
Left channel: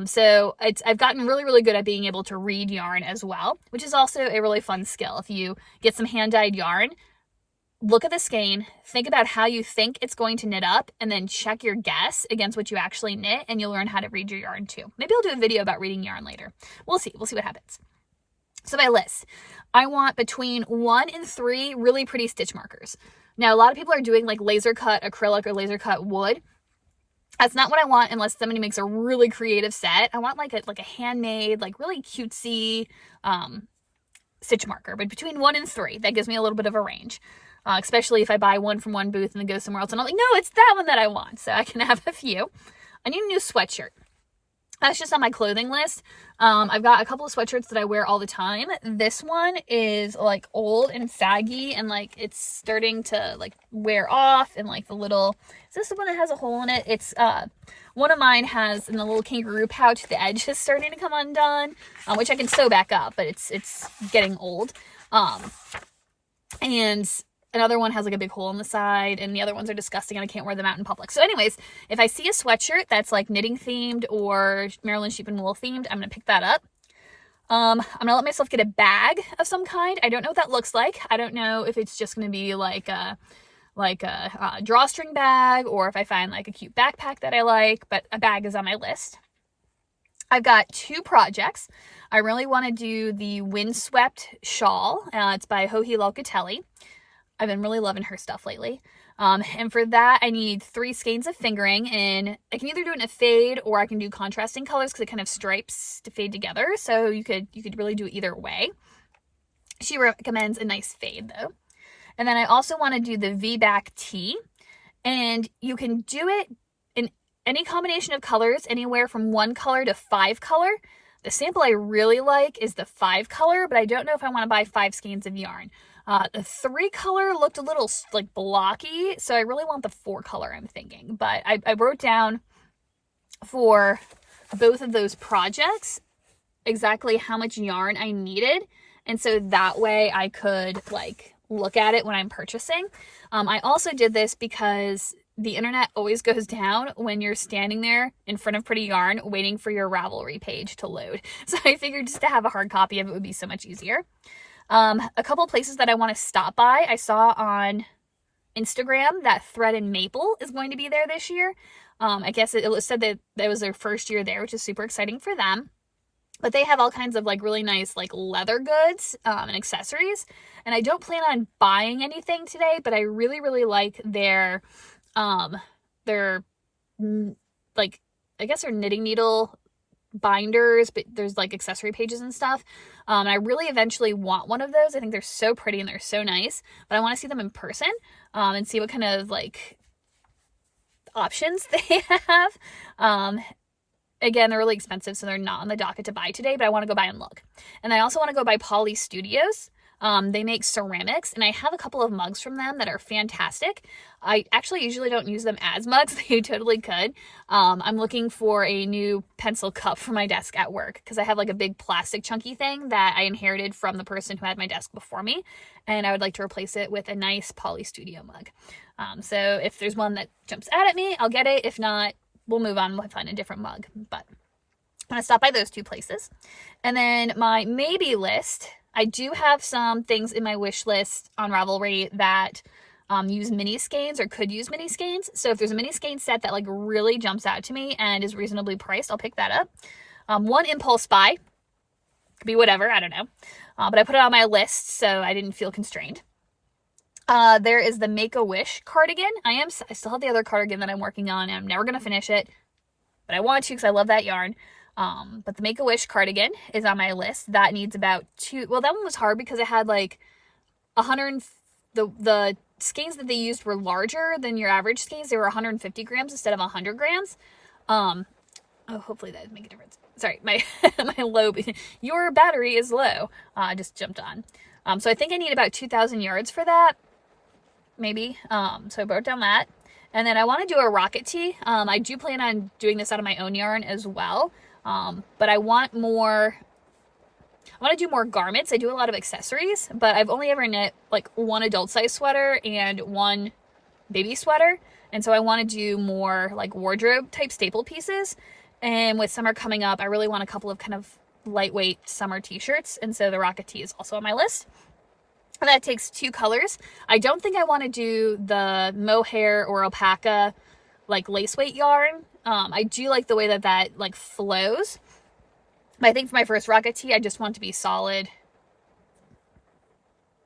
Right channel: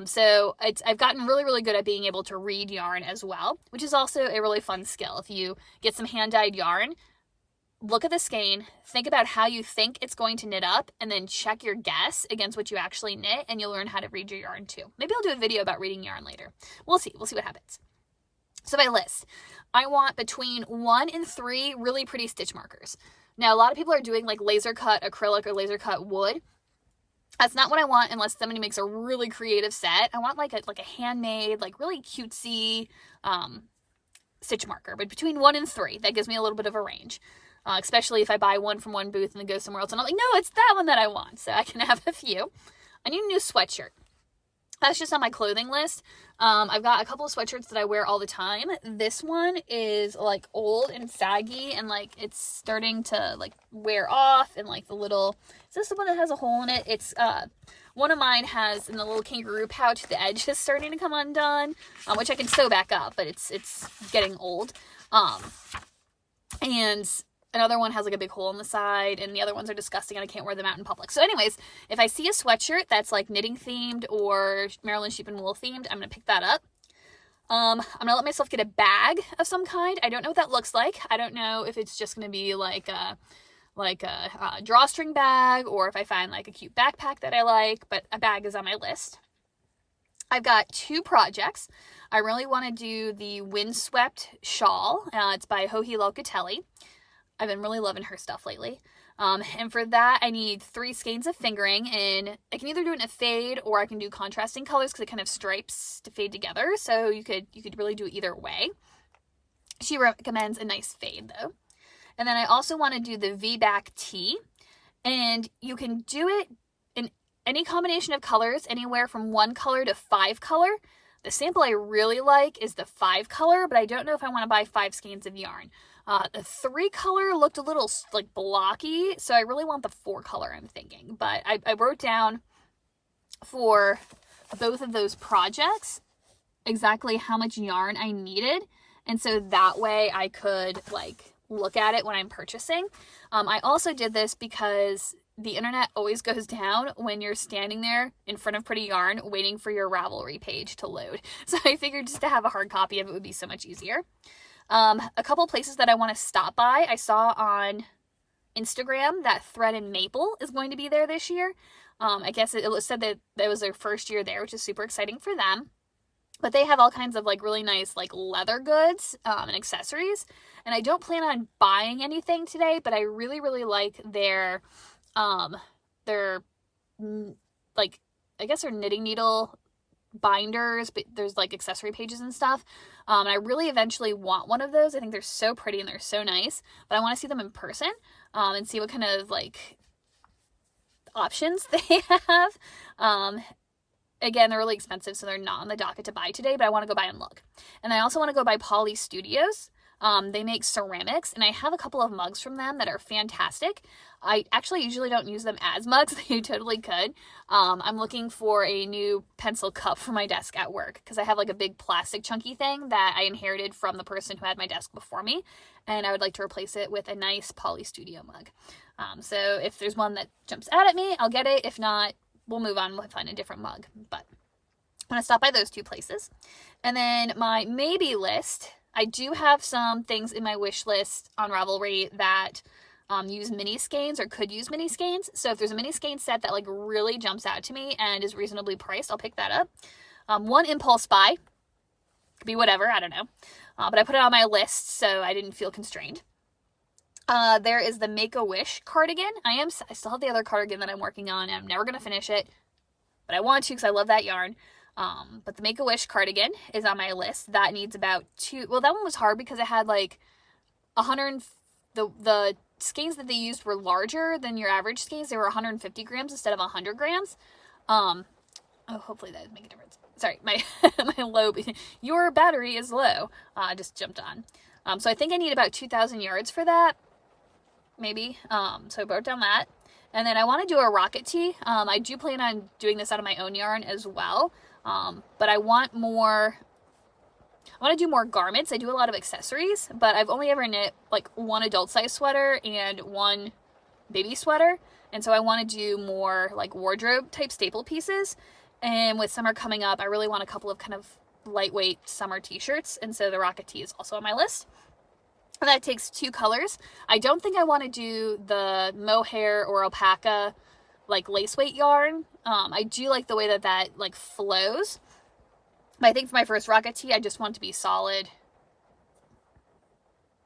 So I've gotten really, really good at being able to read yarn as well, which is also a really fun skill. If you get some hand-dyed yarn, look at the skein, think about how you think it's going to knit up, and then check your guess against what you actually knit, and you'll learn how to read your yarn too. Maybe I'll do a video about reading yarn later. We'll see what happens. So my list, I want between 1 and 3 really pretty stitch markers. Now, a lot of people are doing like laser cut acrylic or laser cut wood. That's not what I want unless somebody makes a really creative set. I want like a handmade, like really cutesy stitch marker, but between 1 and 3, that gives me a little bit of a range. Especially if I buy one from one booth and then go somewhere else and I'm like, no, it's that one that I want. So I can have a few. I need a new sweatshirt. That's just on my clothing list. I've got a couple of sweatshirts that I wear all the time. This one is like old and saggy and like it's starting to like wear off and like the little, is this the one that has a hole in it? It's, one of mine has in the little kangaroo pouch, the edge is starting to come undone, which I can sew back up, but it's getting old. And another one has like a big hole in the side, and the other ones are disgusting and I can't wear them out in public. So anyways, if I see a sweatshirt that's like knitting themed or Maryland Sheep and Wool themed, I'm going to pick that up. I'm going to let myself get a bag of some kind. I don't know what that looks like. I don't know if it's just going to be like a drawstring bag or if I find like a cute backpack that I like, but a bag is on my list. I've got 2 projects. I really want to do the Windswept shawl. It's by Joji Locatelli. I've been really loving her stuff lately. And for that, I need 3 skeins of fingering, and I can either do it in a fade or I can do contrasting colors because it kind of stripes to fade together. So you could really do it either way. She recommends a nice fade though. And then I also want to do the V-back tee, and you can do it in any combination of colors, anywhere from 1 color to 5 color. The sample I really like is the 5 color, but I don't know if I want to buy 5 skeins of yarn. The 3 color looked a little like blocky, so I really want the 4 color, I'm thinking. But I wrote down for both of those projects exactly how much yarn I needed And so that way I could like look at it when I'm purchasing. I also did this because the internet always goes down when you're standing there in front of Pretty Yarn waiting for your Ravelry page to load. So I figured just to have a hard copy of it would be so much easier. A couple places that I want to stop by. I saw on Instagram that Thread and Maple is going to be there this year. I guess it said that was their first year there, which is super exciting for them. But they have all kinds of like really nice like leather goods and accessories. And I don't plan on buying anything today, but I really, really like their like, I guess they're knitting needle binders, but there's like accessory pages and stuff. And I really eventually want one of those. I think they're so pretty and they're so nice, but I want to see them in person and see what kind of like options they have. Again, they're really expensive, so they're not on the docket to buy today, but I want to go by and look. And I also want to go by Poly Studios. They make ceramics, and I have a couple of mugs from them that are fantastic. I actually usually don't use them as mugs. They totally could. I'm looking for a new pencil cup for my desk at work because I have like a big plastic chunky thing that I inherited from the person who had my desk before me, and I would like to replace it with a nice Poly Studio mug. So if there's one that jumps out at me, I'll get it. If not, we'll move on. We'll find a different mug. But I'm going to stop by those two places. And then my maybe list, I do have some things in my wish list on Ravelry that use mini skeins or could use mini skeins. So if there's a mini skein set that like really jumps out to me and is reasonably priced, I'll pick that up. One Impulse buy, could be whatever, I don't know. But I put it on my list so I didn't feel constrained. There is the Make-A-Wish cardigan. I still have the other cardigan that I'm working on, and I'm never going to finish it, but I want to because I love that yarn. But the Make-A-Wish cardigan is on my list. That needs about well, that one was hard because it had like 100, the skeins that they used were larger than your average skeins. They were 150 grams instead of 100 grams. Oh, hopefully that would make a difference. Sorry, my your battery is low. I just jumped on. So I think I need about 2,000 yards for that. Maybe. So I wrote down that. And then I want to do a rocket tee. I do plan on doing this out of my own yarn as well. But I want to do more garments. I do a lot of accessories, but I've only ever knit like one adult size sweater and one baby sweater. And so I want to do more like wardrobe type staple pieces. And with summer coming up, I really want a couple of kind of lightweight summer t-shirts. And so the rocket tee is also on my list. That takes 2 colors. I don't think I want to do the mohair or alpaca like lace weight yarn. I do like the way that like flows. But I think for my first rocket tee, I just want to be solid.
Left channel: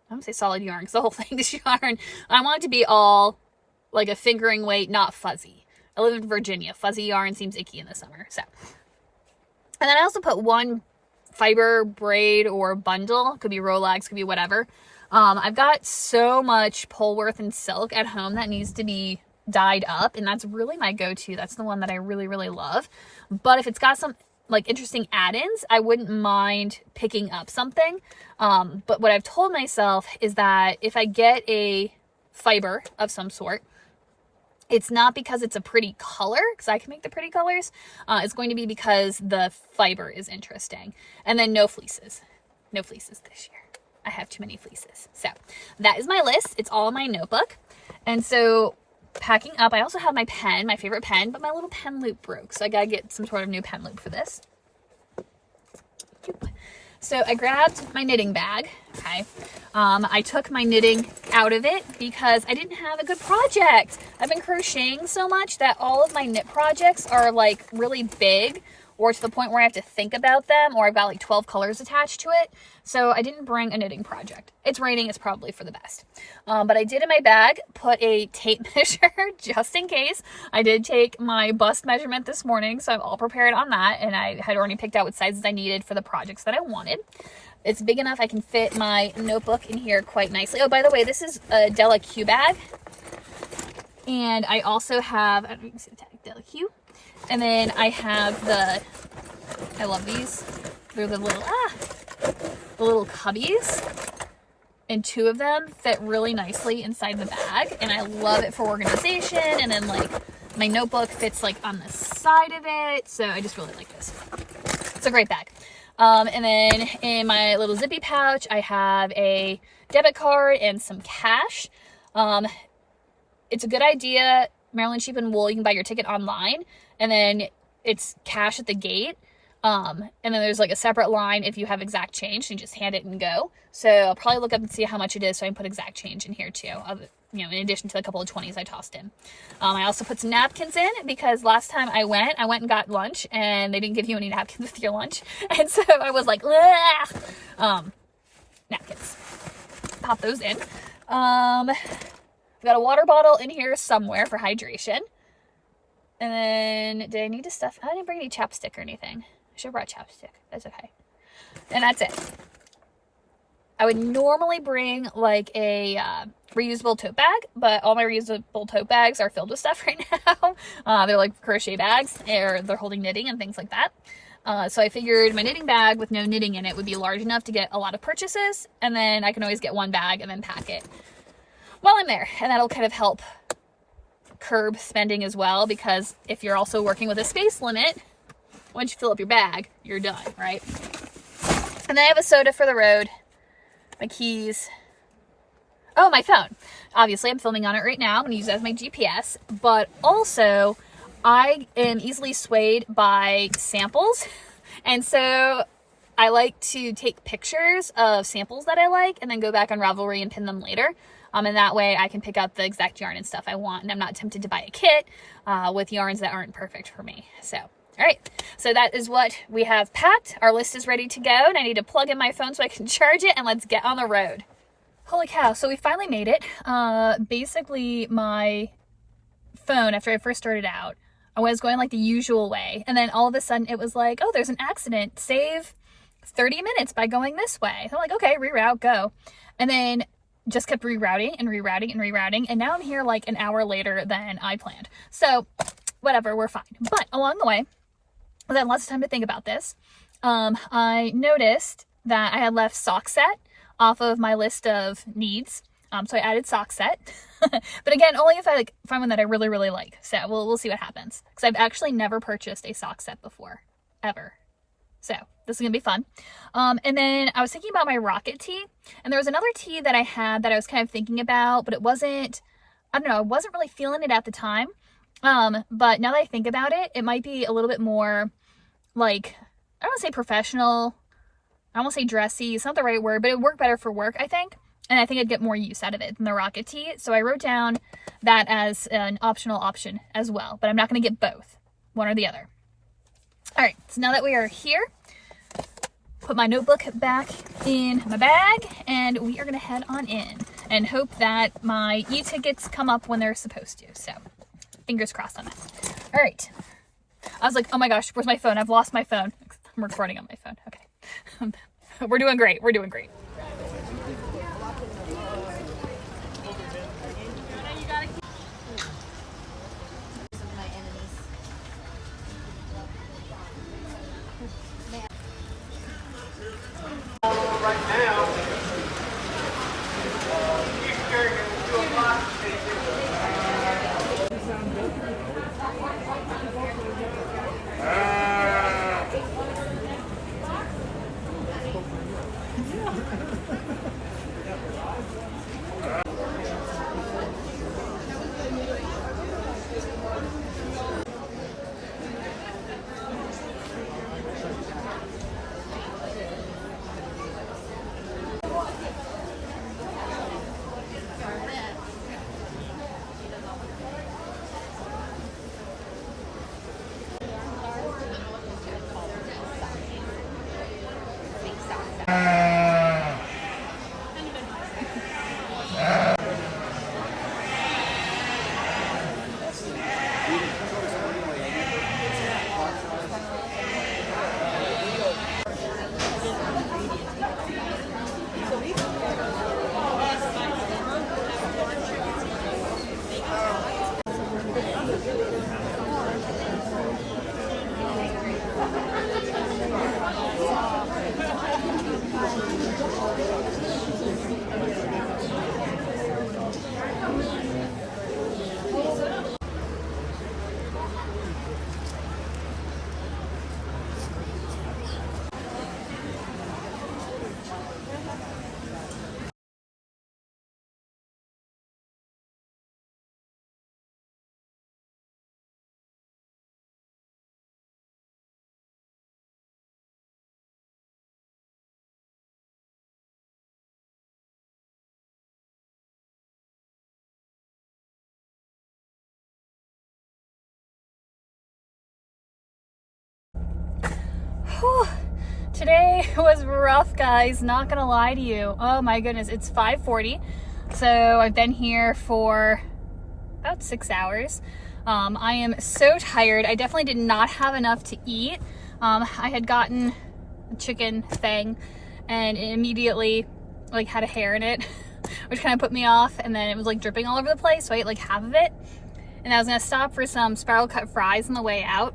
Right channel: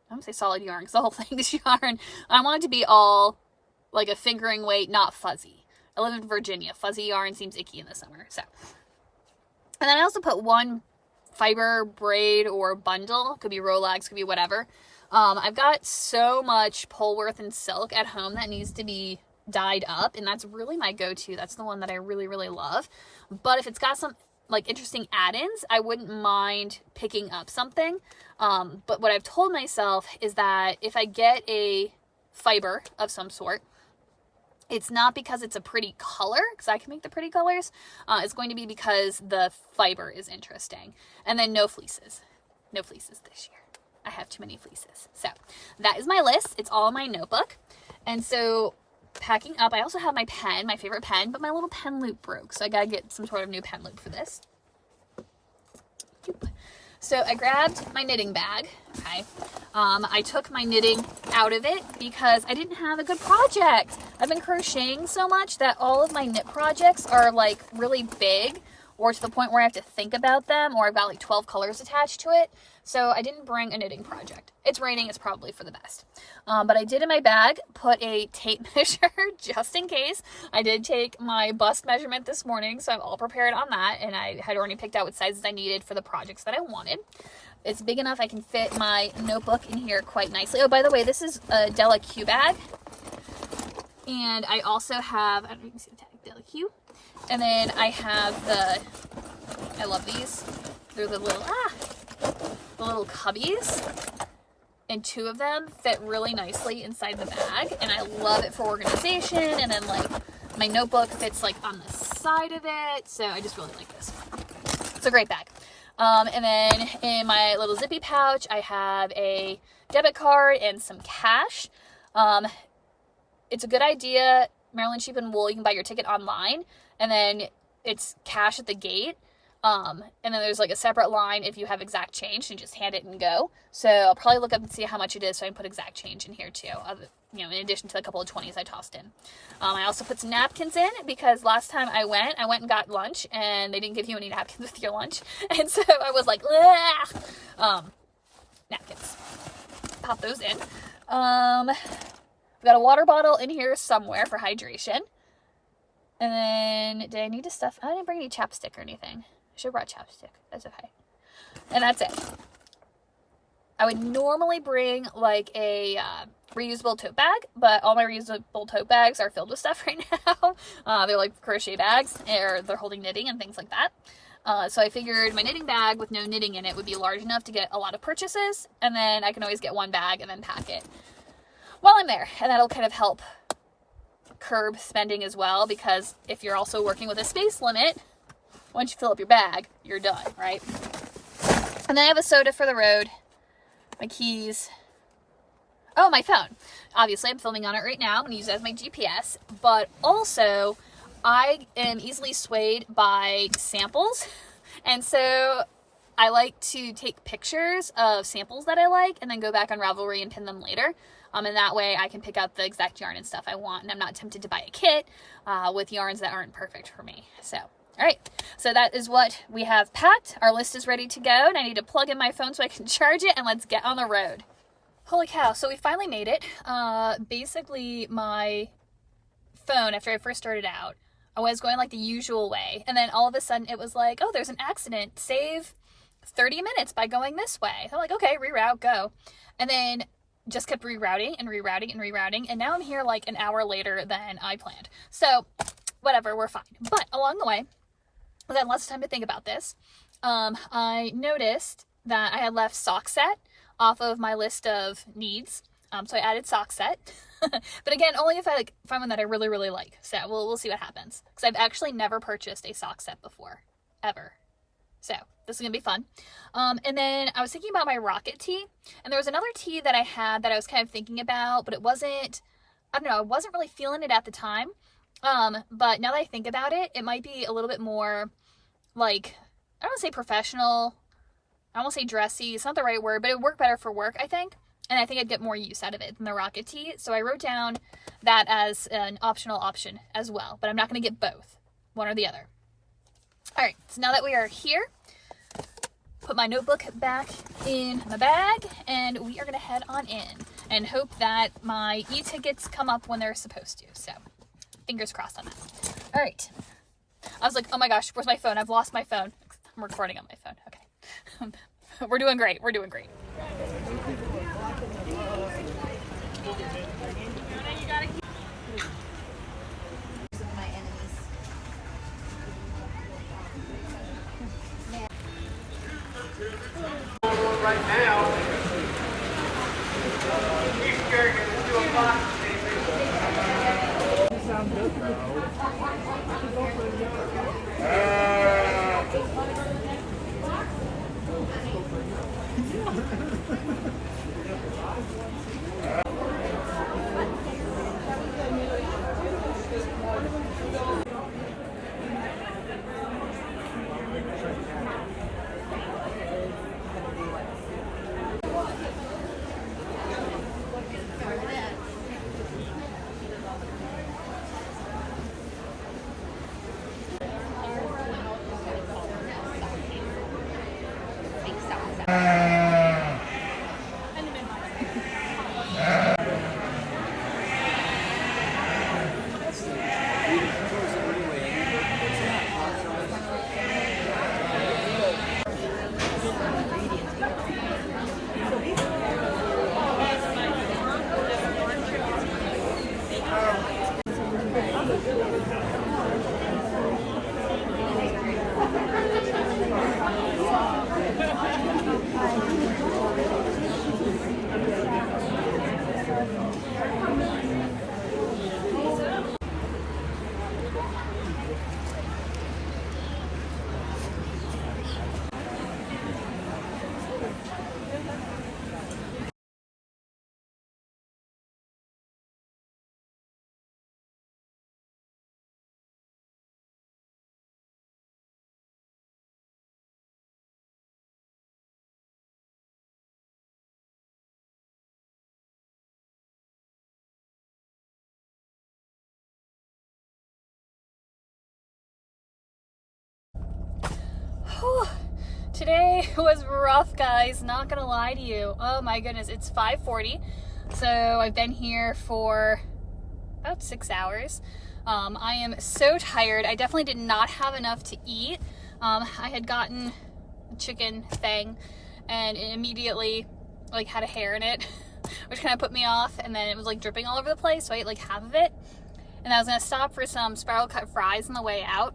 I don't say solid yarn because the whole thing is yarn. I want it to be all like a fingering weight, not fuzzy. I live in Virginia. Fuzzy yarn seems icky in the summer. So, and then I also put one fiber braid or bundle. Could be Rolex, could be whatever. I've got so much Polworth and silk at home that needs to be dyed up, and that's really my go-to. That's the one that I really, really love. But if it's got some like interesting add-ins, I wouldn't mind picking up something. But what I've told myself is that if I get a fiber of some sort, it's not because it's a pretty color, because I can make the pretty colors. It's going to be because the fiber is interesting. And then no fleeces. No fleeces this year. I have too many fleeces. So that is my list. It's all in my notebook. And so packing up, I also have my pen, my favorite pen, but my little pen loop broke. So I got to get some sort of new pen loop for this. So I grabbed my knitting bag. Okay. I took my knitting out of it because I didn't have a good project. I've been crocheting so much that all of my knit projects are like really big, or to the point where I have to think about them, or I've got like 12 colors attached to it. So I didn't bring a knitting project. It's raining, it's probably for the best. But I did in my bag put a tape measure just in case. I did take my bust measurement this morning, so I'm all prepared on that. And I had already picked out what sizes I needed for the projects that I wanted. It's big enough I can fit my notebook in here quite nicely. Oh, by the way, this is a Della Q bag. And I also have, I don't know if you can see the tag, Della Q. And then I have I love these. They're the little cubbies. And 2 of them fit really nicely inside the bag. And I love it for organization. And then like my notebook fits like on the side of it. So I just really like this. It's a great bag. And then in my little zippy pouch, I have a debit card and some cash. It's a good idea. Maryland Sheep and Wool, you can buy your ticket online, and then it's cash at the gate. And then there's like a separate line if you have exact change, and just hand it and go. So I'll probably look up and see how much it is, so I can put exact change in here too, in addition to a couple of 20s I tossed in. I also put some napkins in, because last time I went and got lunch, and they didn't give you any napkins with your lunch. And so I was like, napkins. Pop those in. I've got a water bottle in here somewhere for hydration. And then, did I need to stuff? I didn't bring any chapstick or anything. I should have brought chapstick. That's okay. And that's it. I would normally bring like a reusable tote bag, but all my reusable tote bags are filled with stuff right now. They're like crochet bags, or they're holding knitting and things like that. So I figured my knitting bag with no knitting in it would be large enough to get a lot of purchases, and then I can always get one bag and then pack it while I'm there. And that'll kind of help curb spending as well, because if you're also working with a space limit, once you fill up your bag, you're done, right? And then I have a soda for the road, my keys, oh, my phone. Obviously, I'm filming on it right now. I'm going to use it as my GPS, but also I am easily swayed by samples, and so I like to take pictures of samples that I like and then go back on Ravelry and pin them later. And that way I can pick out the exact yarn and stuff I want, and I'm not tempted to buy a kit with yarns that aren't perfect for me. So, all right. So that is what we have packed. Our list is ready to go, and I need to plug in my phone so I can charge it, and let's get on the road. Holy cow. So we finally made it. Basically, my phone, after I first started out, I was going like the usual way, and then all of a sudden it was like, oh, there's an accident. Save 30 minutes by going this way. So I'm like, okay, reroute, go. And then just kept rerouting and rerouting and rerouting, and now I'm here like an hour later than I planned. So whatever, we're fine. But along the way, I had lots of time to think about this. I noticed that I had left sock set off of my list of needs. So I added sock set. But again, only if I find one that I really, really like. So we'll see what happens. Because I've actually never purchased a sock set before. Ever. So this is going to be fun. And then I was thinking about my rocket tee. And there was another tee that I had that I was kind of thinking about, but it wasn't, I don't know, I wasn't really feeling it at the time. But now that I think about it, it might be a little bit more like, I don't want to say professional. I don't want to say dressy. It's not the right word, but it would work better for work, I think. And I think I'd get more use out of it than the rocket tee. So I wrote down that as an optional option as well. But I'm not going to get both. One or the other. All right. So now that we are here, put my notebook back in my bag. And we are going to head on in. And hope that my e-tickets come up when they're supposed to. So fingers crossed on that. All right. I was like, oh my gosh, where's my phone? I've lost my phone. I'm recording on my phone. Okay. We're doing great. We're doing great. Whew. Today was rough, guys, not gonna lie to you. Oh my goodness, it's 5:40, so I've been here for about 6 hours. I am so tired. I definitely did not have enough to eat. I had gotten a chicken thing and it immediately like had a hair in it, which kind of put me off, and then it was like dripping all over the place, so I ate like half of it, and I was gonna stop for some spiral cut fries on the way out,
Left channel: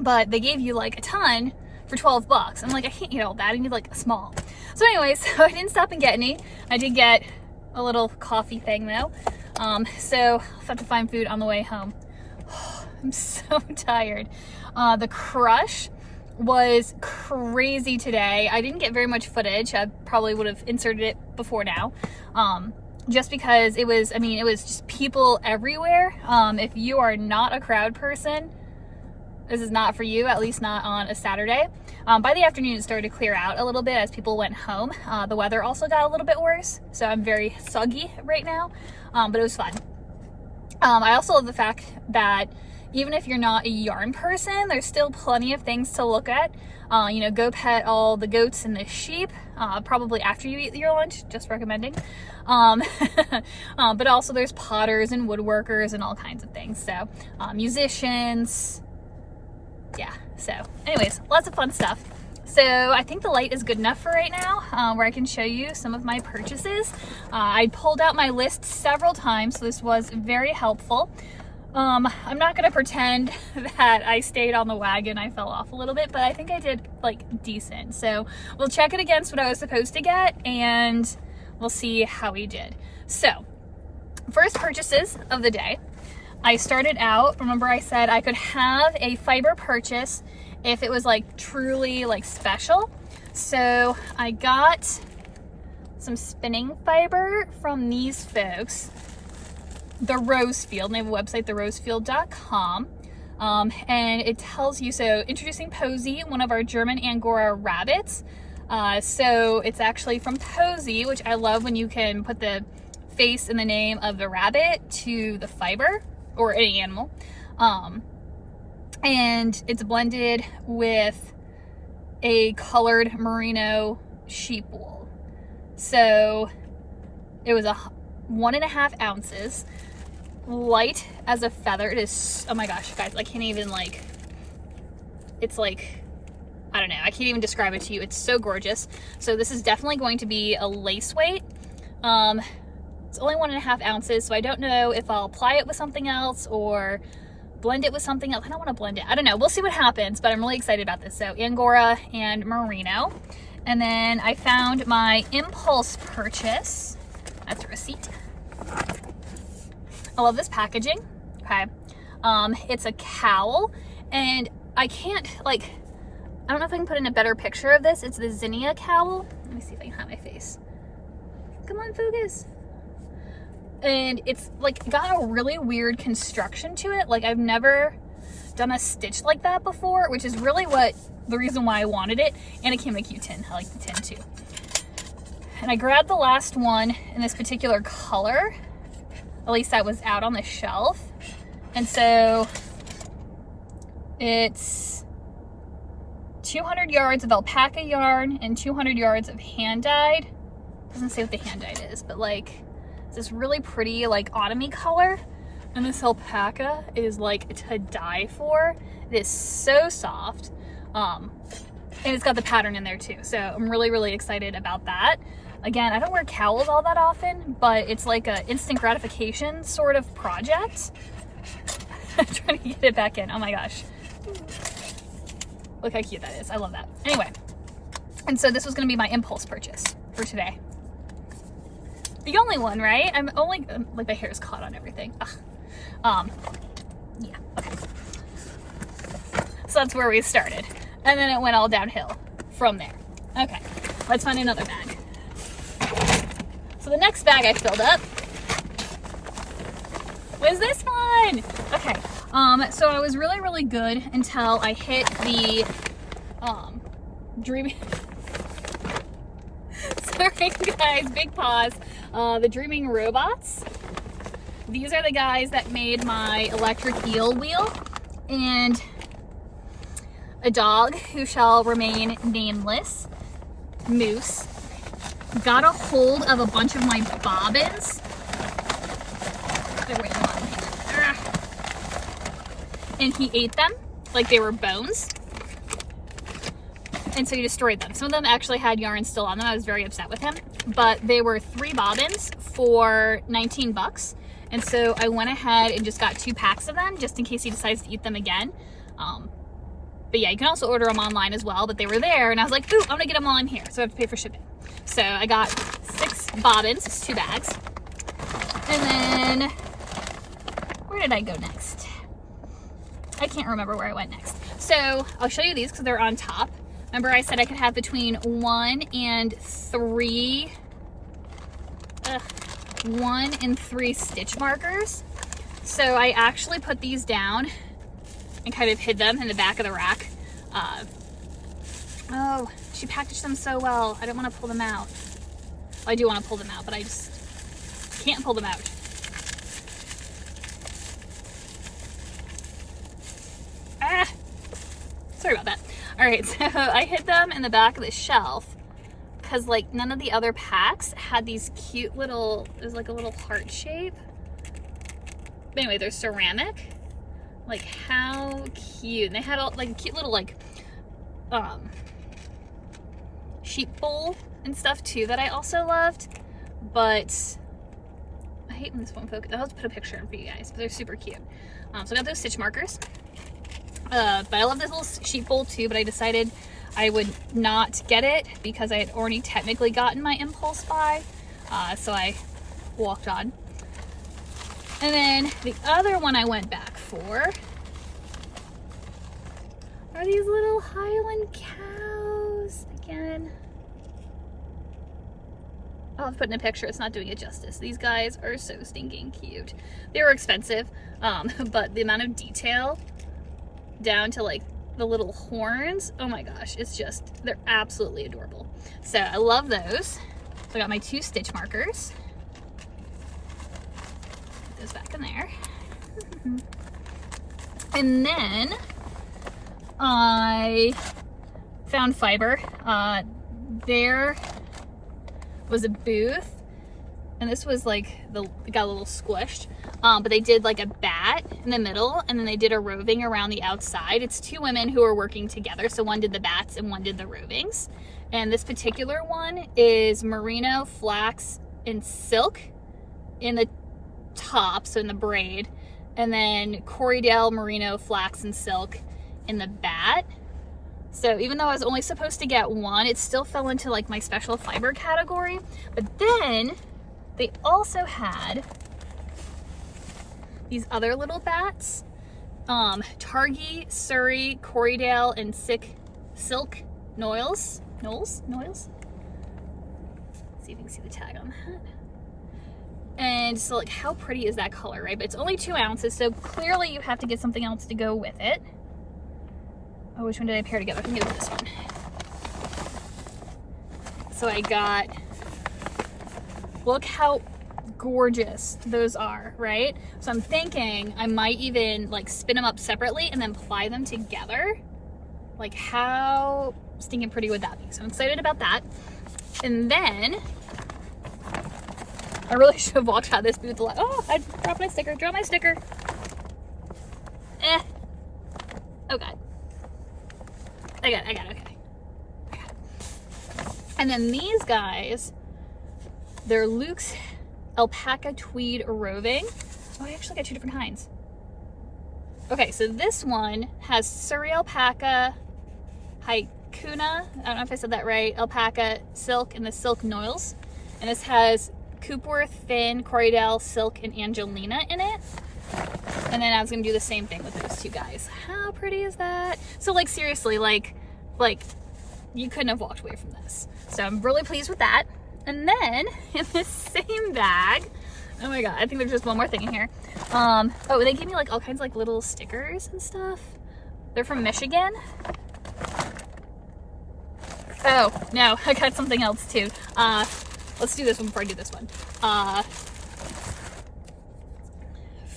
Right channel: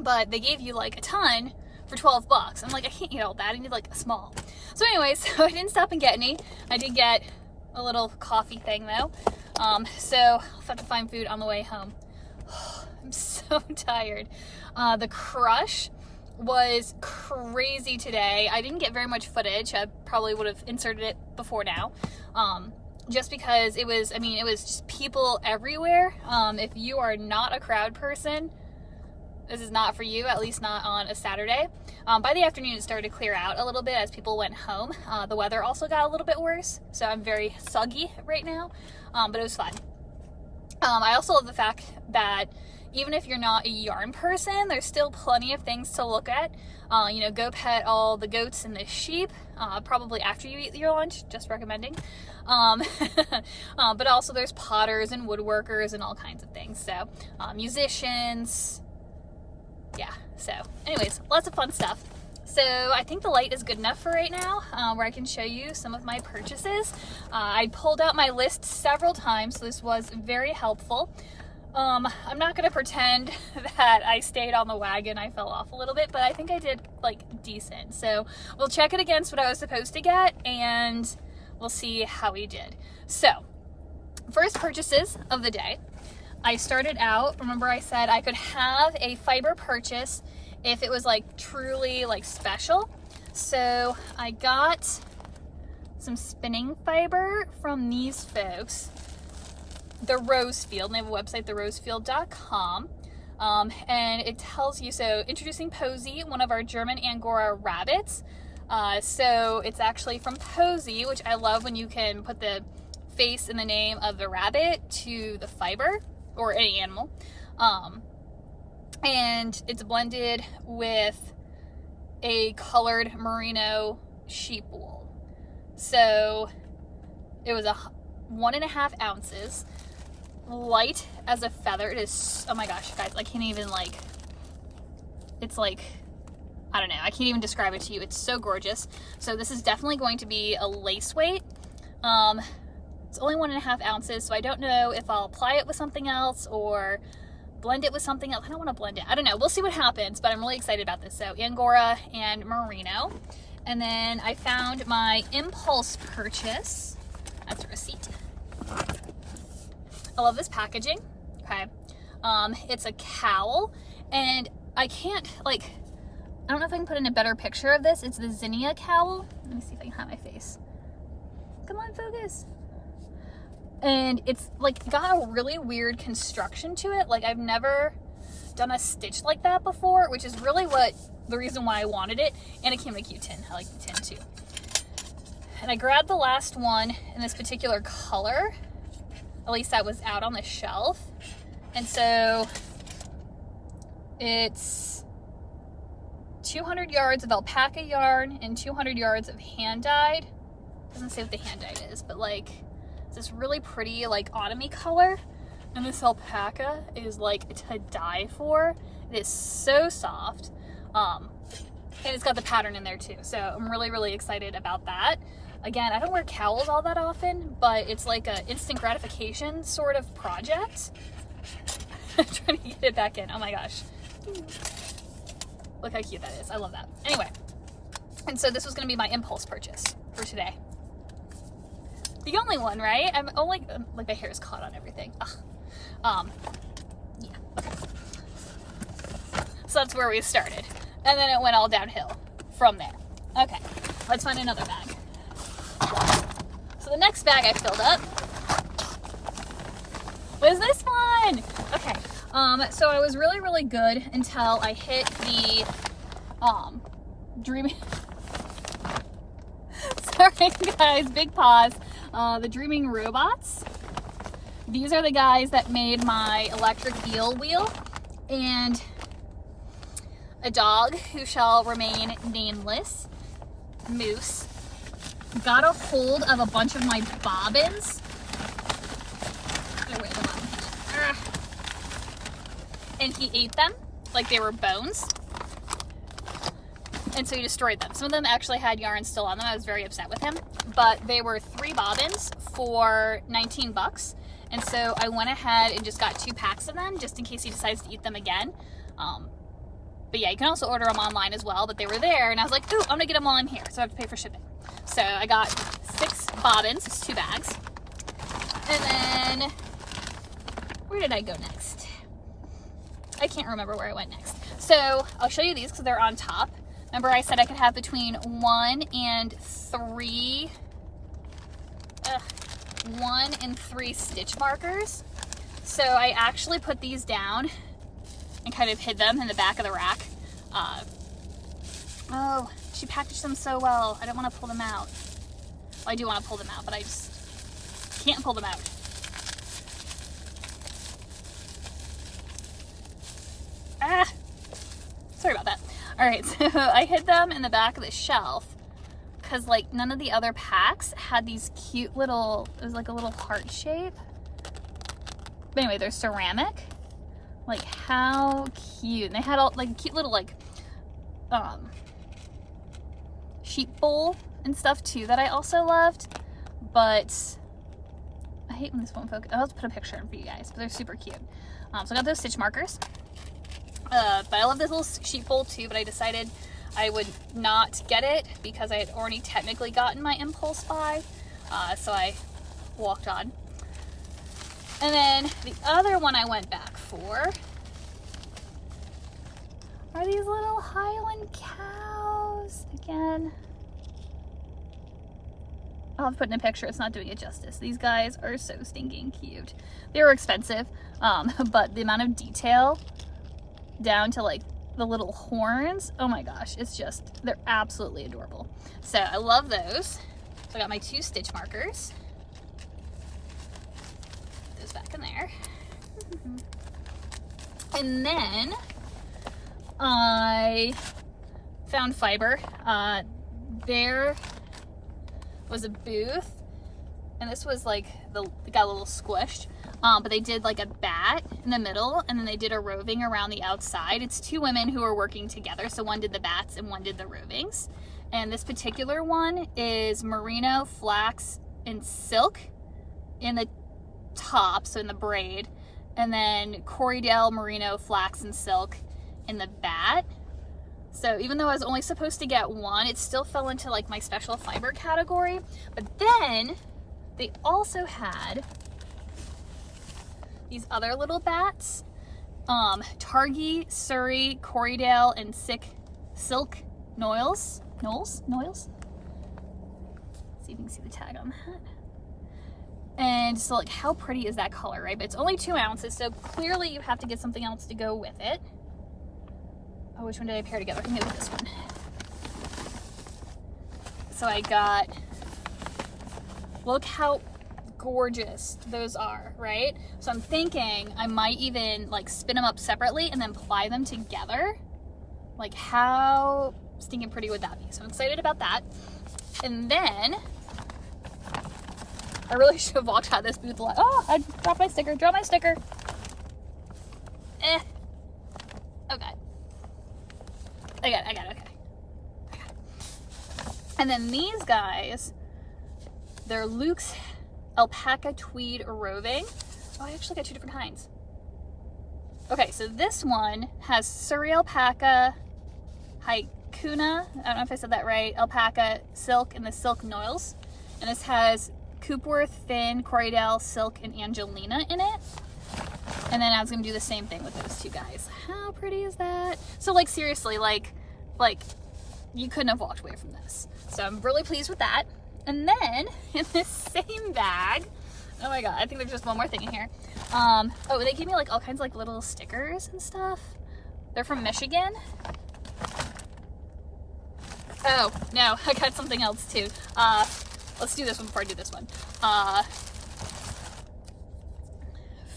but they gave you like a ton for $12. I'm like, I can't eat all that, I need like a small. So anyways, so I didn't stop and get any. I did get a little coffee thing though. So I'll have to find food on the way home. I'm so tired. The crush was crazy today. I didn't get very much footage. I probably would have inserted it before now. Just because it was, I mean, it was just people everywhere. If you are not a crowd person, this is not for you, at least not on a Saturday. By the afternoon, it started to clear out a little bit as people went home. The weather also got a little bit worse, so I'm very soggy right now, but it was fun. I also love the fact that even if you're not a yarn person, there's still plenty of things to look at. You know, go pet all the goats and the sheep, probably after you eat your lunch, just recommending. But also there's potters and woodworkers and all kinds of things. So musicians, yeah. So anyways, lots of fun stuff. So I think the light is good enough for right now, where I can show you some of my purchases. I pulled out my list several times, so this was very helpful. I'm not gonna pretend that I stayed on the wagon. I fell off a little bit, but I think I did like decent. So we'll check it against what I was supposed to get and we'll see how we did. So first purchases of the day. I started out, remember I said I could have a fiber purchase if it was like truly like special. So I got some spinning fiber from these folks, the Rosefield. They have a website, therosefield.com. And it tells you, so introducing Posy, one of our German Angora rabbits. So it's actually from Posy, which I love when you can put the face and the name of the rabbit to the fiber or any animal. And it's blended with a colored merino sheep wool. So it was 1.5 ounces, light as a feather. It is, oh my gosh, guys, I can't even like, it's like, I don't know, I can't even describe it to you. It's so gorgeous. So this is definitely going to be a lace weight. It's only 1.5 ounces, so I don't know if I'll apply it with something else or blend it with something else. I don't want to blend it. I don't know. We'll see what happens, but I'm really excited about this. So Angora and merino. And then I found my impulse purchase. That's a receipt. I love this packaging. Okay. It's a cowl, and I can't, like, I don't know if I can put in a better picture of this. It's the Zinnia cowl. Let me see if I can hide my face. Come on, focus. And it's like got a really weird construction to it. Like I've never done a stitch like that before, which is really what the reason why I wanted it. And it came in a cute tin. I like the tin too. And I grabbed the last one in this particular color. At least that was out on the shelf. And so it's 200 yards of alpaca yarn and 200 yards of hand dyed. Doesn't say what the hand dyed is, but like it's this really pretty like autumny color. And this alpaca is like to die for. It is so soft. And it's got the pattern in there too. So I'm really, really excited about that. Again, I don't wear cowls all that often, but it's like a instant gratification sort of project. I'm trying to get it back in. Oh my gosh. Look how cute that is. I love that. Anyway, and so this was going to be my impulse purchase for today. The only one, right? I'm only, like my hair is caught on everything. Ugh. Yeah, okay. So that's where we started. And then it went all downhill from there. Okay, let's find another bag. So the next bag I filled up was this one. Okay, so I was really, really good until I hit the Dreaming, sorry guys, big pause. The Dreaming Robots. These are the guys that made my electric eel wheel, and a dog who shall remain nameless, Moose, got a hold of a bunch of my bobbins. They're way in the bottom. And he ate them like they were bones. And so he destroyed them. Some of them actually had yarn still on them. I was very upset with him. But they were 3 bobbins for 19 bucks. And so I went ahead and just got 2 packs of them just in case he decides to eat them again. But yeah, you can also order them online as well. But they were there and I was like, ooh, I'm gonna get them while I'm here. So I have to pay for shipping. So I got 6 bobbins, it's 2 bags. And then, where did I go next? I can't remember where I went next. So I'll show you these because they're on top. Remember I said I could have between 1 and 3 stitch markers. So I actually put these down and kind of hid them in the back of the rack. Oh, she packaged them so well. I don't want to pull them out. Well, I do want to pull them out, but I just can't pull them out. Ah, sorry about that. All right, so I hid them in the back of the shelf because like none of the other packs had these cute little, it was like a little heart shape. But anyway, they're ceramic. Like how cute. And they had all like cute little like sheep bowl and stuff too that I also loved. But I hate when this won't focus. I'll have to put a picture in for you guys, but they're super cute. So I got those stitch markers. But I love this little sheep bowl too, but I decided I would not get it because I had already technically gotten my impulse buy. So I walked on. And then the other one I went back for are these little Highland cows again. I'll have to put in a picture, it's not doing it justice. These guys are so stinking cute. They were expensive, but the amount of detail down to like the little horns, oh my gosh, it's just, they're absolutely adorable. So I love those. So I got my 2 stitch markers. Put those back in there. And then I found Fiber. There was a booth and this was like, it got a little squished. But they did like a bat in the middle and then they did a roving around the outside. It's 2 women who are working together. So one did the bats and one did the rovings. And this particular one is merino, flax, and silk in the top, so in the braid. And then Corriedale, merino, flax, and silk in the bat. So even though I was only supposed to get 1, it still fell into like my special fiber category. But then they also had these other little bats, Targhee, Surrey, Corriedale, and Silk Noils. See if you can see the tag on that. And so like how pretty is that color, right? But it's only 2 ounces, so clearly you have to get something else to go with it. Oh, which one did I pair together? I think it was this one. So I got, look how gorgeous those are, right? So I'm thinking I might even like spin them up separately and then ply them together. Like how stinking pretty would that be? So I'm excited about that. And then I really should have walked out of this booth a lot. Oh, I dropped my sticker. Drop my sticker. Oh god. I got it. Okay. I got it. And then these guys, they're Luke's alpaca tweed roving. Oh, I actually got 2 different kinds. Okay, so this one has Surrey alpaca, Haikuna, I don't know if I said that right, alpaca, silk, and the silk noils. And this has Coopworth, Finn, Corriedale, Silk, and Angelina in it. And then I was gonna do the same thing with those 2 guys. How pretty is that? So like seriously, like you couldn't have walked away from this. So I'm really pleased with that. And then in this same bag, oh my god, I think there's just one more thing in here. Oh, they gave me like all kinds of like little stickers and stuff. They're from Michigan. Oh no, I got something else too. Let's do this one before I do this one.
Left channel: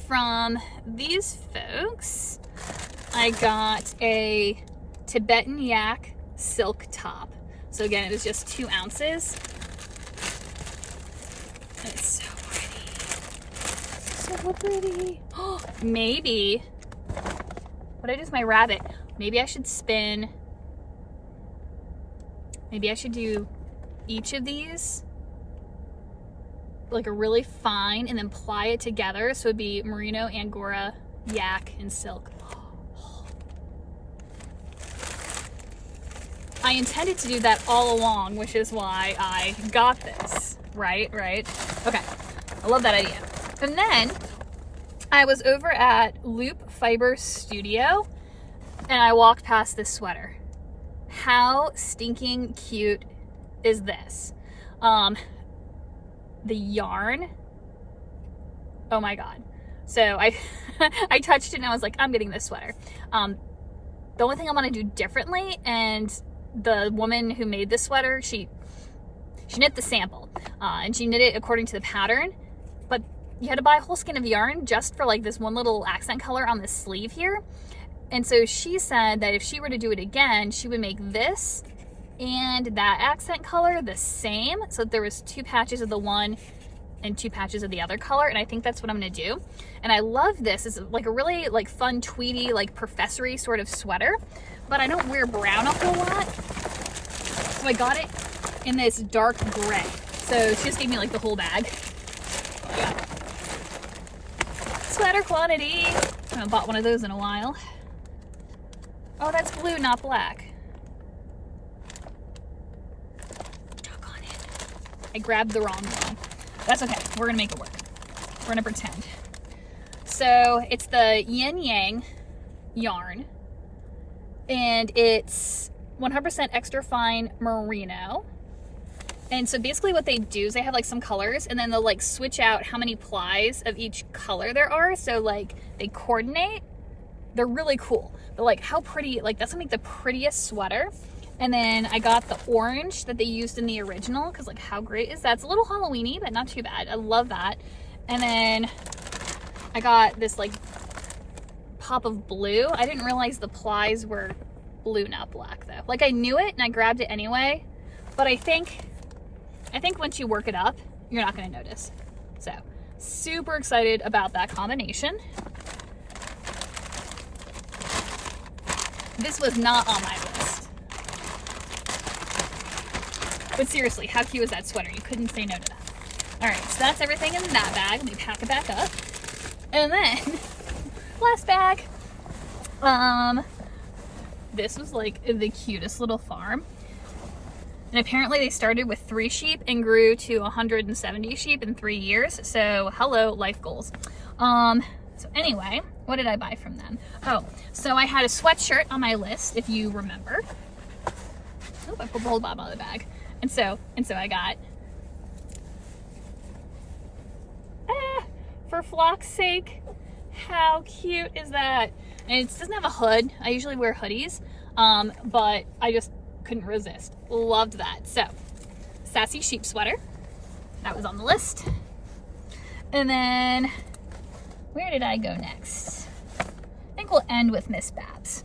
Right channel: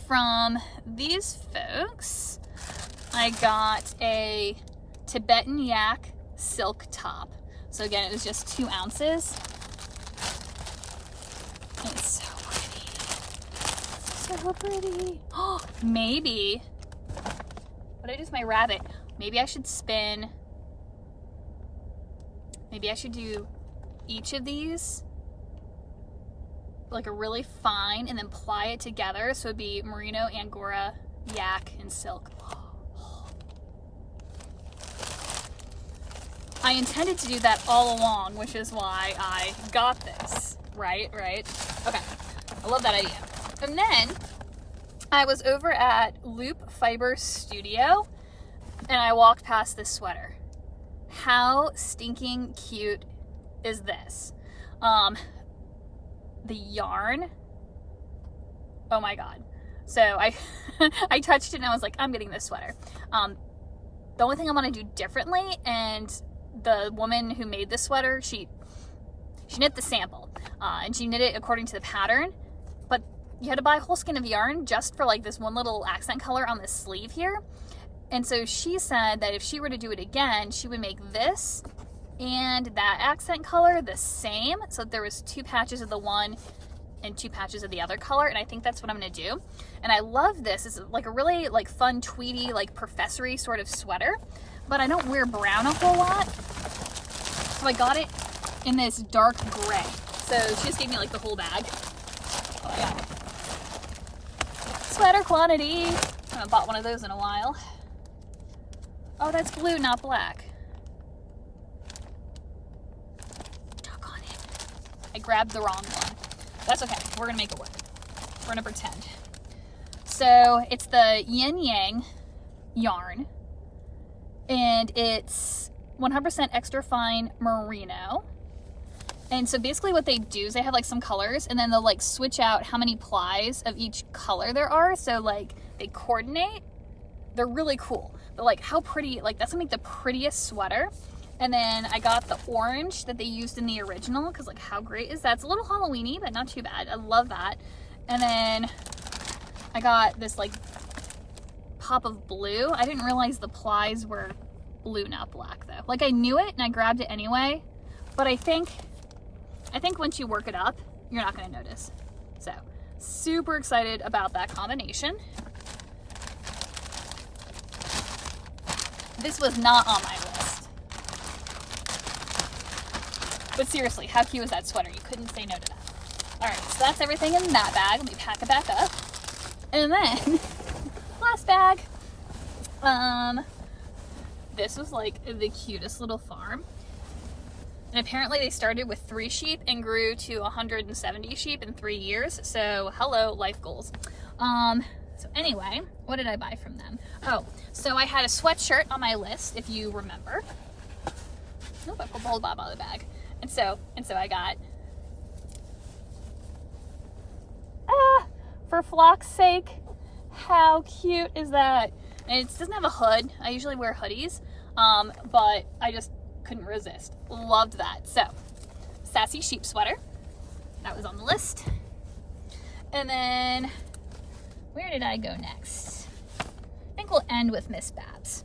From these folks, I got a Tibetan yak silk top. So again, it was just 2 ounces. And it's so pretty. So pretty. Oh, maybe, what did I do with my rabbit? Maybe I should spin, maybe I should do each of these like a really fine and then ply it together. So it'd be merino, angora, yak, and silk. I intended to do that all along, which is why I got this. Right? Okay, I love that idea. And then I was over at Loop Fiber Studio and I walked past this sweater. How stinking cute is this? The yarn, oh my god. So I I touched it and I was like, I'm getting this sweater. The only thing I want to do differently, and the woman who made this sweater, she knit the sample and she knit it according to the pattern, but you had to buy a whole skein of yarn just for like this one little accent color on the sleeve here. And so she said that if she were to do it again, she would make this and that accent color the same, so that there was 2 patches of the one and 2 patches of the other color, and I think that's what I'm gonna do. And I love this. It's like a really like fun tweedy, like professory sort of sweater, but I don't wear brown a whole lot, so I got it in this dark gray. So she just gave me like the whole bag. Oh yeah, sweater quantity. I haven't bought one of those in a while. Oh, that's blue, not black. I grabbed the wrong one. That's okay. We're gonna make it work. We're gonna pretend. So it's the Yin Yang yarn, and it's 100% extra fine merino. And so basically what they do is they have like some colors, and then they'll like switch out how many plies of each color there are. So like they coordinate. They're really cool. But like how pretty, like that's gonna make the prettiest sweater. And then I got the orange that they used in the original, because like how great is that? It's a little Halloween-y, but not too bad. I love that. And then I got this like pop of blue. I didn't realize the plies were blue, not black though. Like I knew it and I grabbed it anyway, but I think once you work it up, you're not gonna notice. So super excited about that combination. This was not on my list. But seriously, how cute was that sweater? You couldn't say no to that. All right, so that's everything in that bag. Let me pack it back up. And then, last bag. This was like the cutest little farm. And apparently they started with 3 sheep and grew to 170 sheep in 3 years. So hello, life goals. So anyway, what did I buy from them? Oh, so I had a sweatshirt on my list, if you remember. Oh, I pulled the whole bottom out of the bag. And so I got, for flock's sake, how cute is that? And it doesn't have a hood. I usually wear hoodies, but I just couldn't resist. Loved that. So, sassy sheep sweater. That was on the list. And then, where did I go next? I think we'll end with Miss Babs.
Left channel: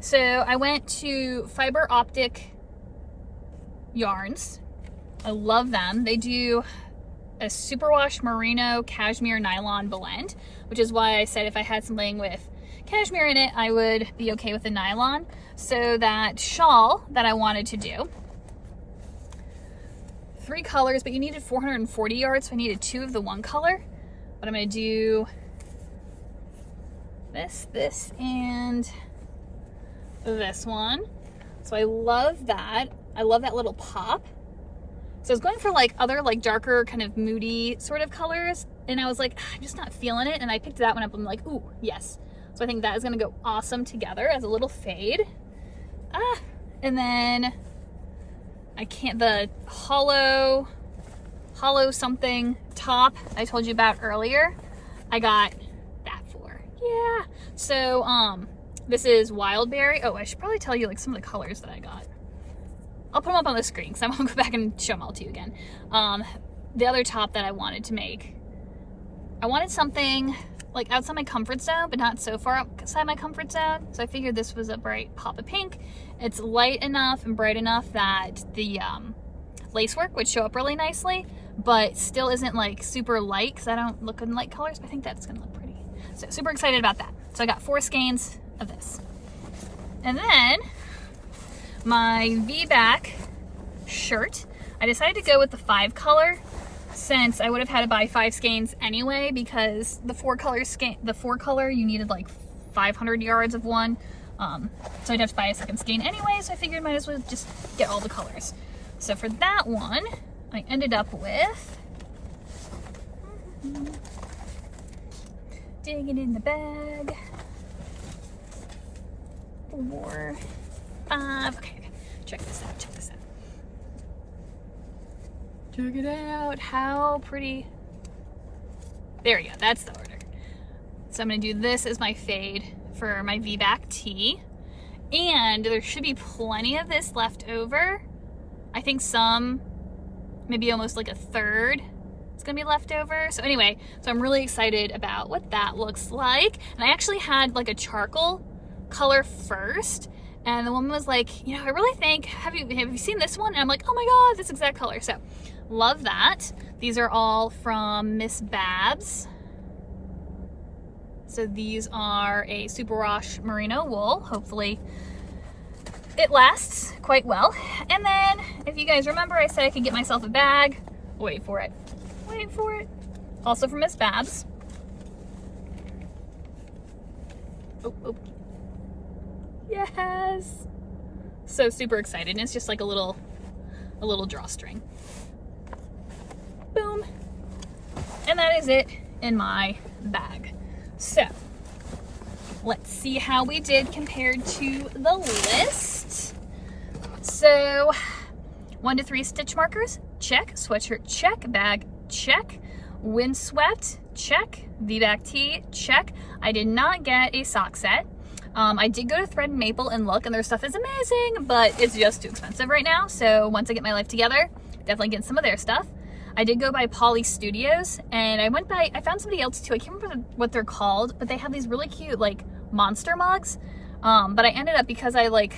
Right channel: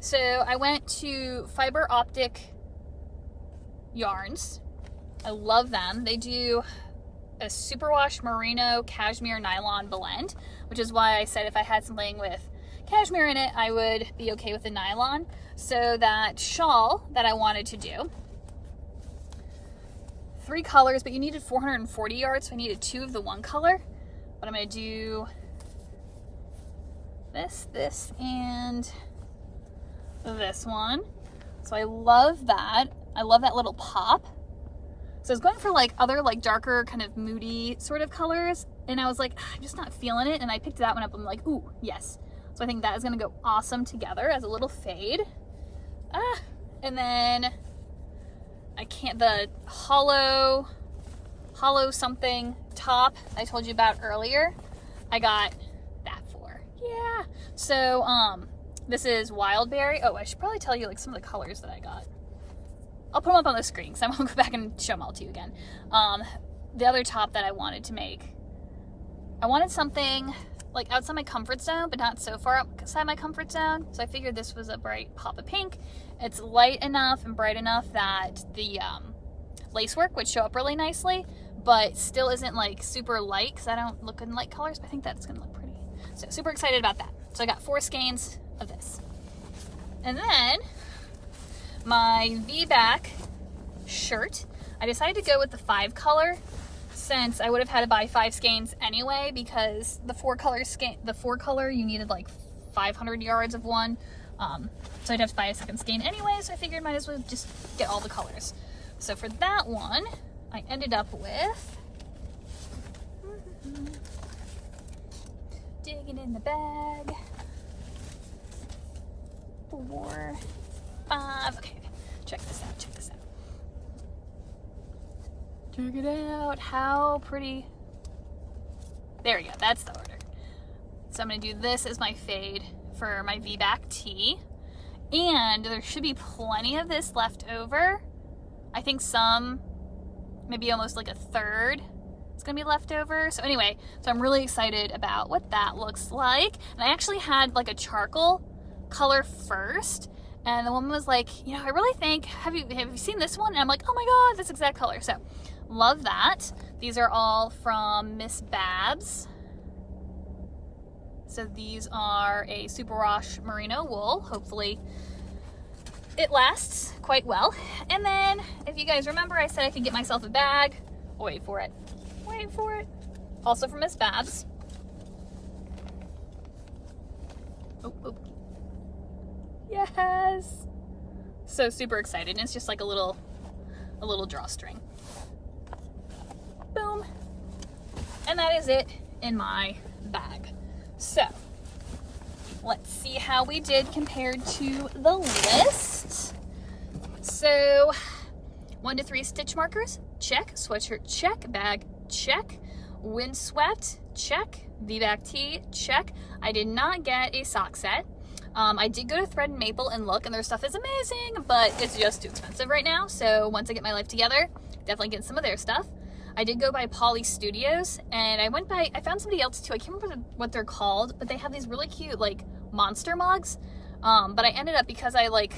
So, I went to Fiber Optic Yarns. I love them. They do a superwash merino cashmere nylon blend, which is why I said if I had something with cashmere in it, I would be okay with the nylon. So that shawl that I wanted to do, 3 colors, but you needed 440 yards, so I needed 2 of the one color. But I'm gonna do this, and this one. So I love that. I love that little pop. So I was going for like other like darker kind of moody sort of colors, and I was like, I'm just not feeling it, and I picked that one up. I'm like, ooh, yes. So I think that is gonna go awesome together as a little fade. And then the hollow something top I told you about earlier, I got that for. Yeah. So this is Wildberry. Oh, I should probably tell you like some of the colors that I got. I'll put them up on the screen because I won't go back and show them all to you again. The other top that I wanted to make, I wanted something like outside my comfort zone, but not so far outside my comfort zone. So I figured this was a bright pop of pink. It's light enough and bright enough that the lacework would show up really nicely, but still isn't like super light because I don't look in light colors, but I think that's gonna look pretty. So super excited about that. So I got 4 skeins of this. And then my V-back shirt, I decided to go with the 5 color since I would have had to buy 5 skeins anyway, because the 4 color you needed like 500 yards of one. So I'd have to buy a second skein anyway, so I figured might as well just get all the colors. So for that one, I ended up with, digging in the bag, 4, 5, okay, check this out, check it out, how pretty. There we go, that's the order. So I'm gonna do this as my fade for my V-back tee. And there should be plenty of this left over. I think some, maybe almost like a third is gonna be left over. So anyway, so I'm really excited about what that looks like. And I actually had like a charcoal color first. And the woman was like, you know, I really think, have you seen this one? And I'm like, oh my God, this exact color. So love that. These are all from Miss Babs. So these are a superwash merino wool. Hopefully it lasts quite well. And then if you guys remember, I said I could get myself a bag. Wait for it. Wait for it. Also from Miss Babs. Oh, oh. Yes. So super excited. And it's just like a little drawstring. Boom. And that is it in my bag. So let's see how we did compared to the list. So 1 to 3 stitch markers, check. Sweatshirt, check. Bag, check. Windswept, check. V-back tee, check. I did not get a sock set. I did go to Thread and Maple and look, and their stuff is amazing, but it's just too expensive right now. So once I get my life together, definitely get some of their stuff. I did go by Polly Studios, and I found somebody else too. I can't remember what they're called, but they have these really cute like monster mugs. But I ended up, because I like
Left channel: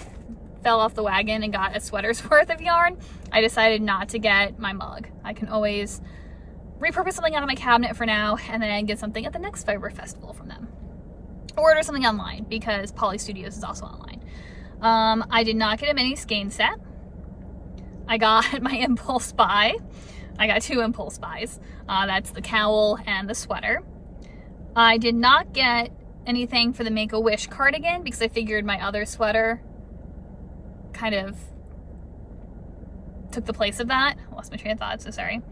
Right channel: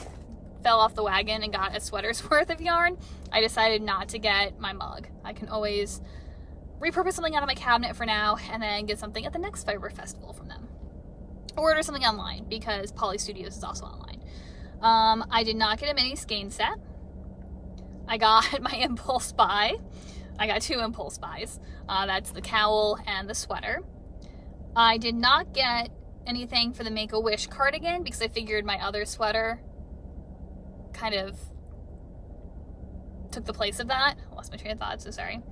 fell off the wagon and got a sweater's worth of yarn, I decided not to get my mug. I can always repurpose something out of my cabinet for now and then get something at the next Fiber Festival from them. Or order something online, because Polly Studios is also online. I did not get a mini skein set. I got my impulse buy. I got 2 impulse buys. That's the cowl and the sweater. I did not get anything for the Make-A-Wish cardigan because I figured my other sweater kind of took the place of that. I lost my train of thought, so sorry.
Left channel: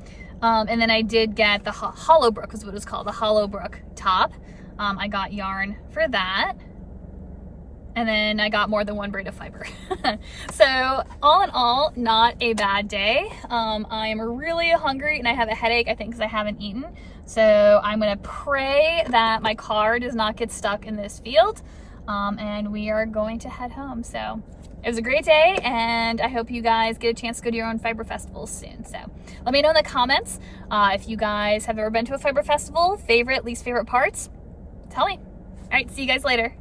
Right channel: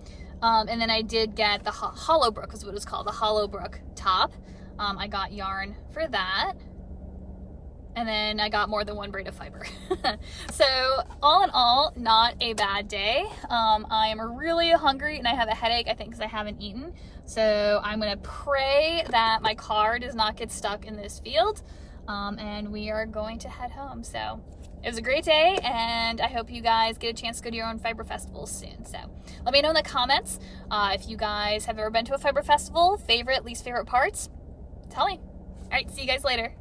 And then I did get the Hollowbrook, is what it's called, the Hollowbrook top. I got yarn for that. And then I got more than 1 braid of fiber. So all in all, not a bad day. I am really hungry and I have a headache, I think, because I haven't eaten. So I'm gonna pray that my car does not get stuck in this field. And we are going to head home. So it was a great day, and I hope you guys get a chance to go to your own Fiber Festivals soon. So let me know in the comments if you guys have ever been to a Fiber Festival, favorite, least favorite parts. Tell me. All right, see you guys later.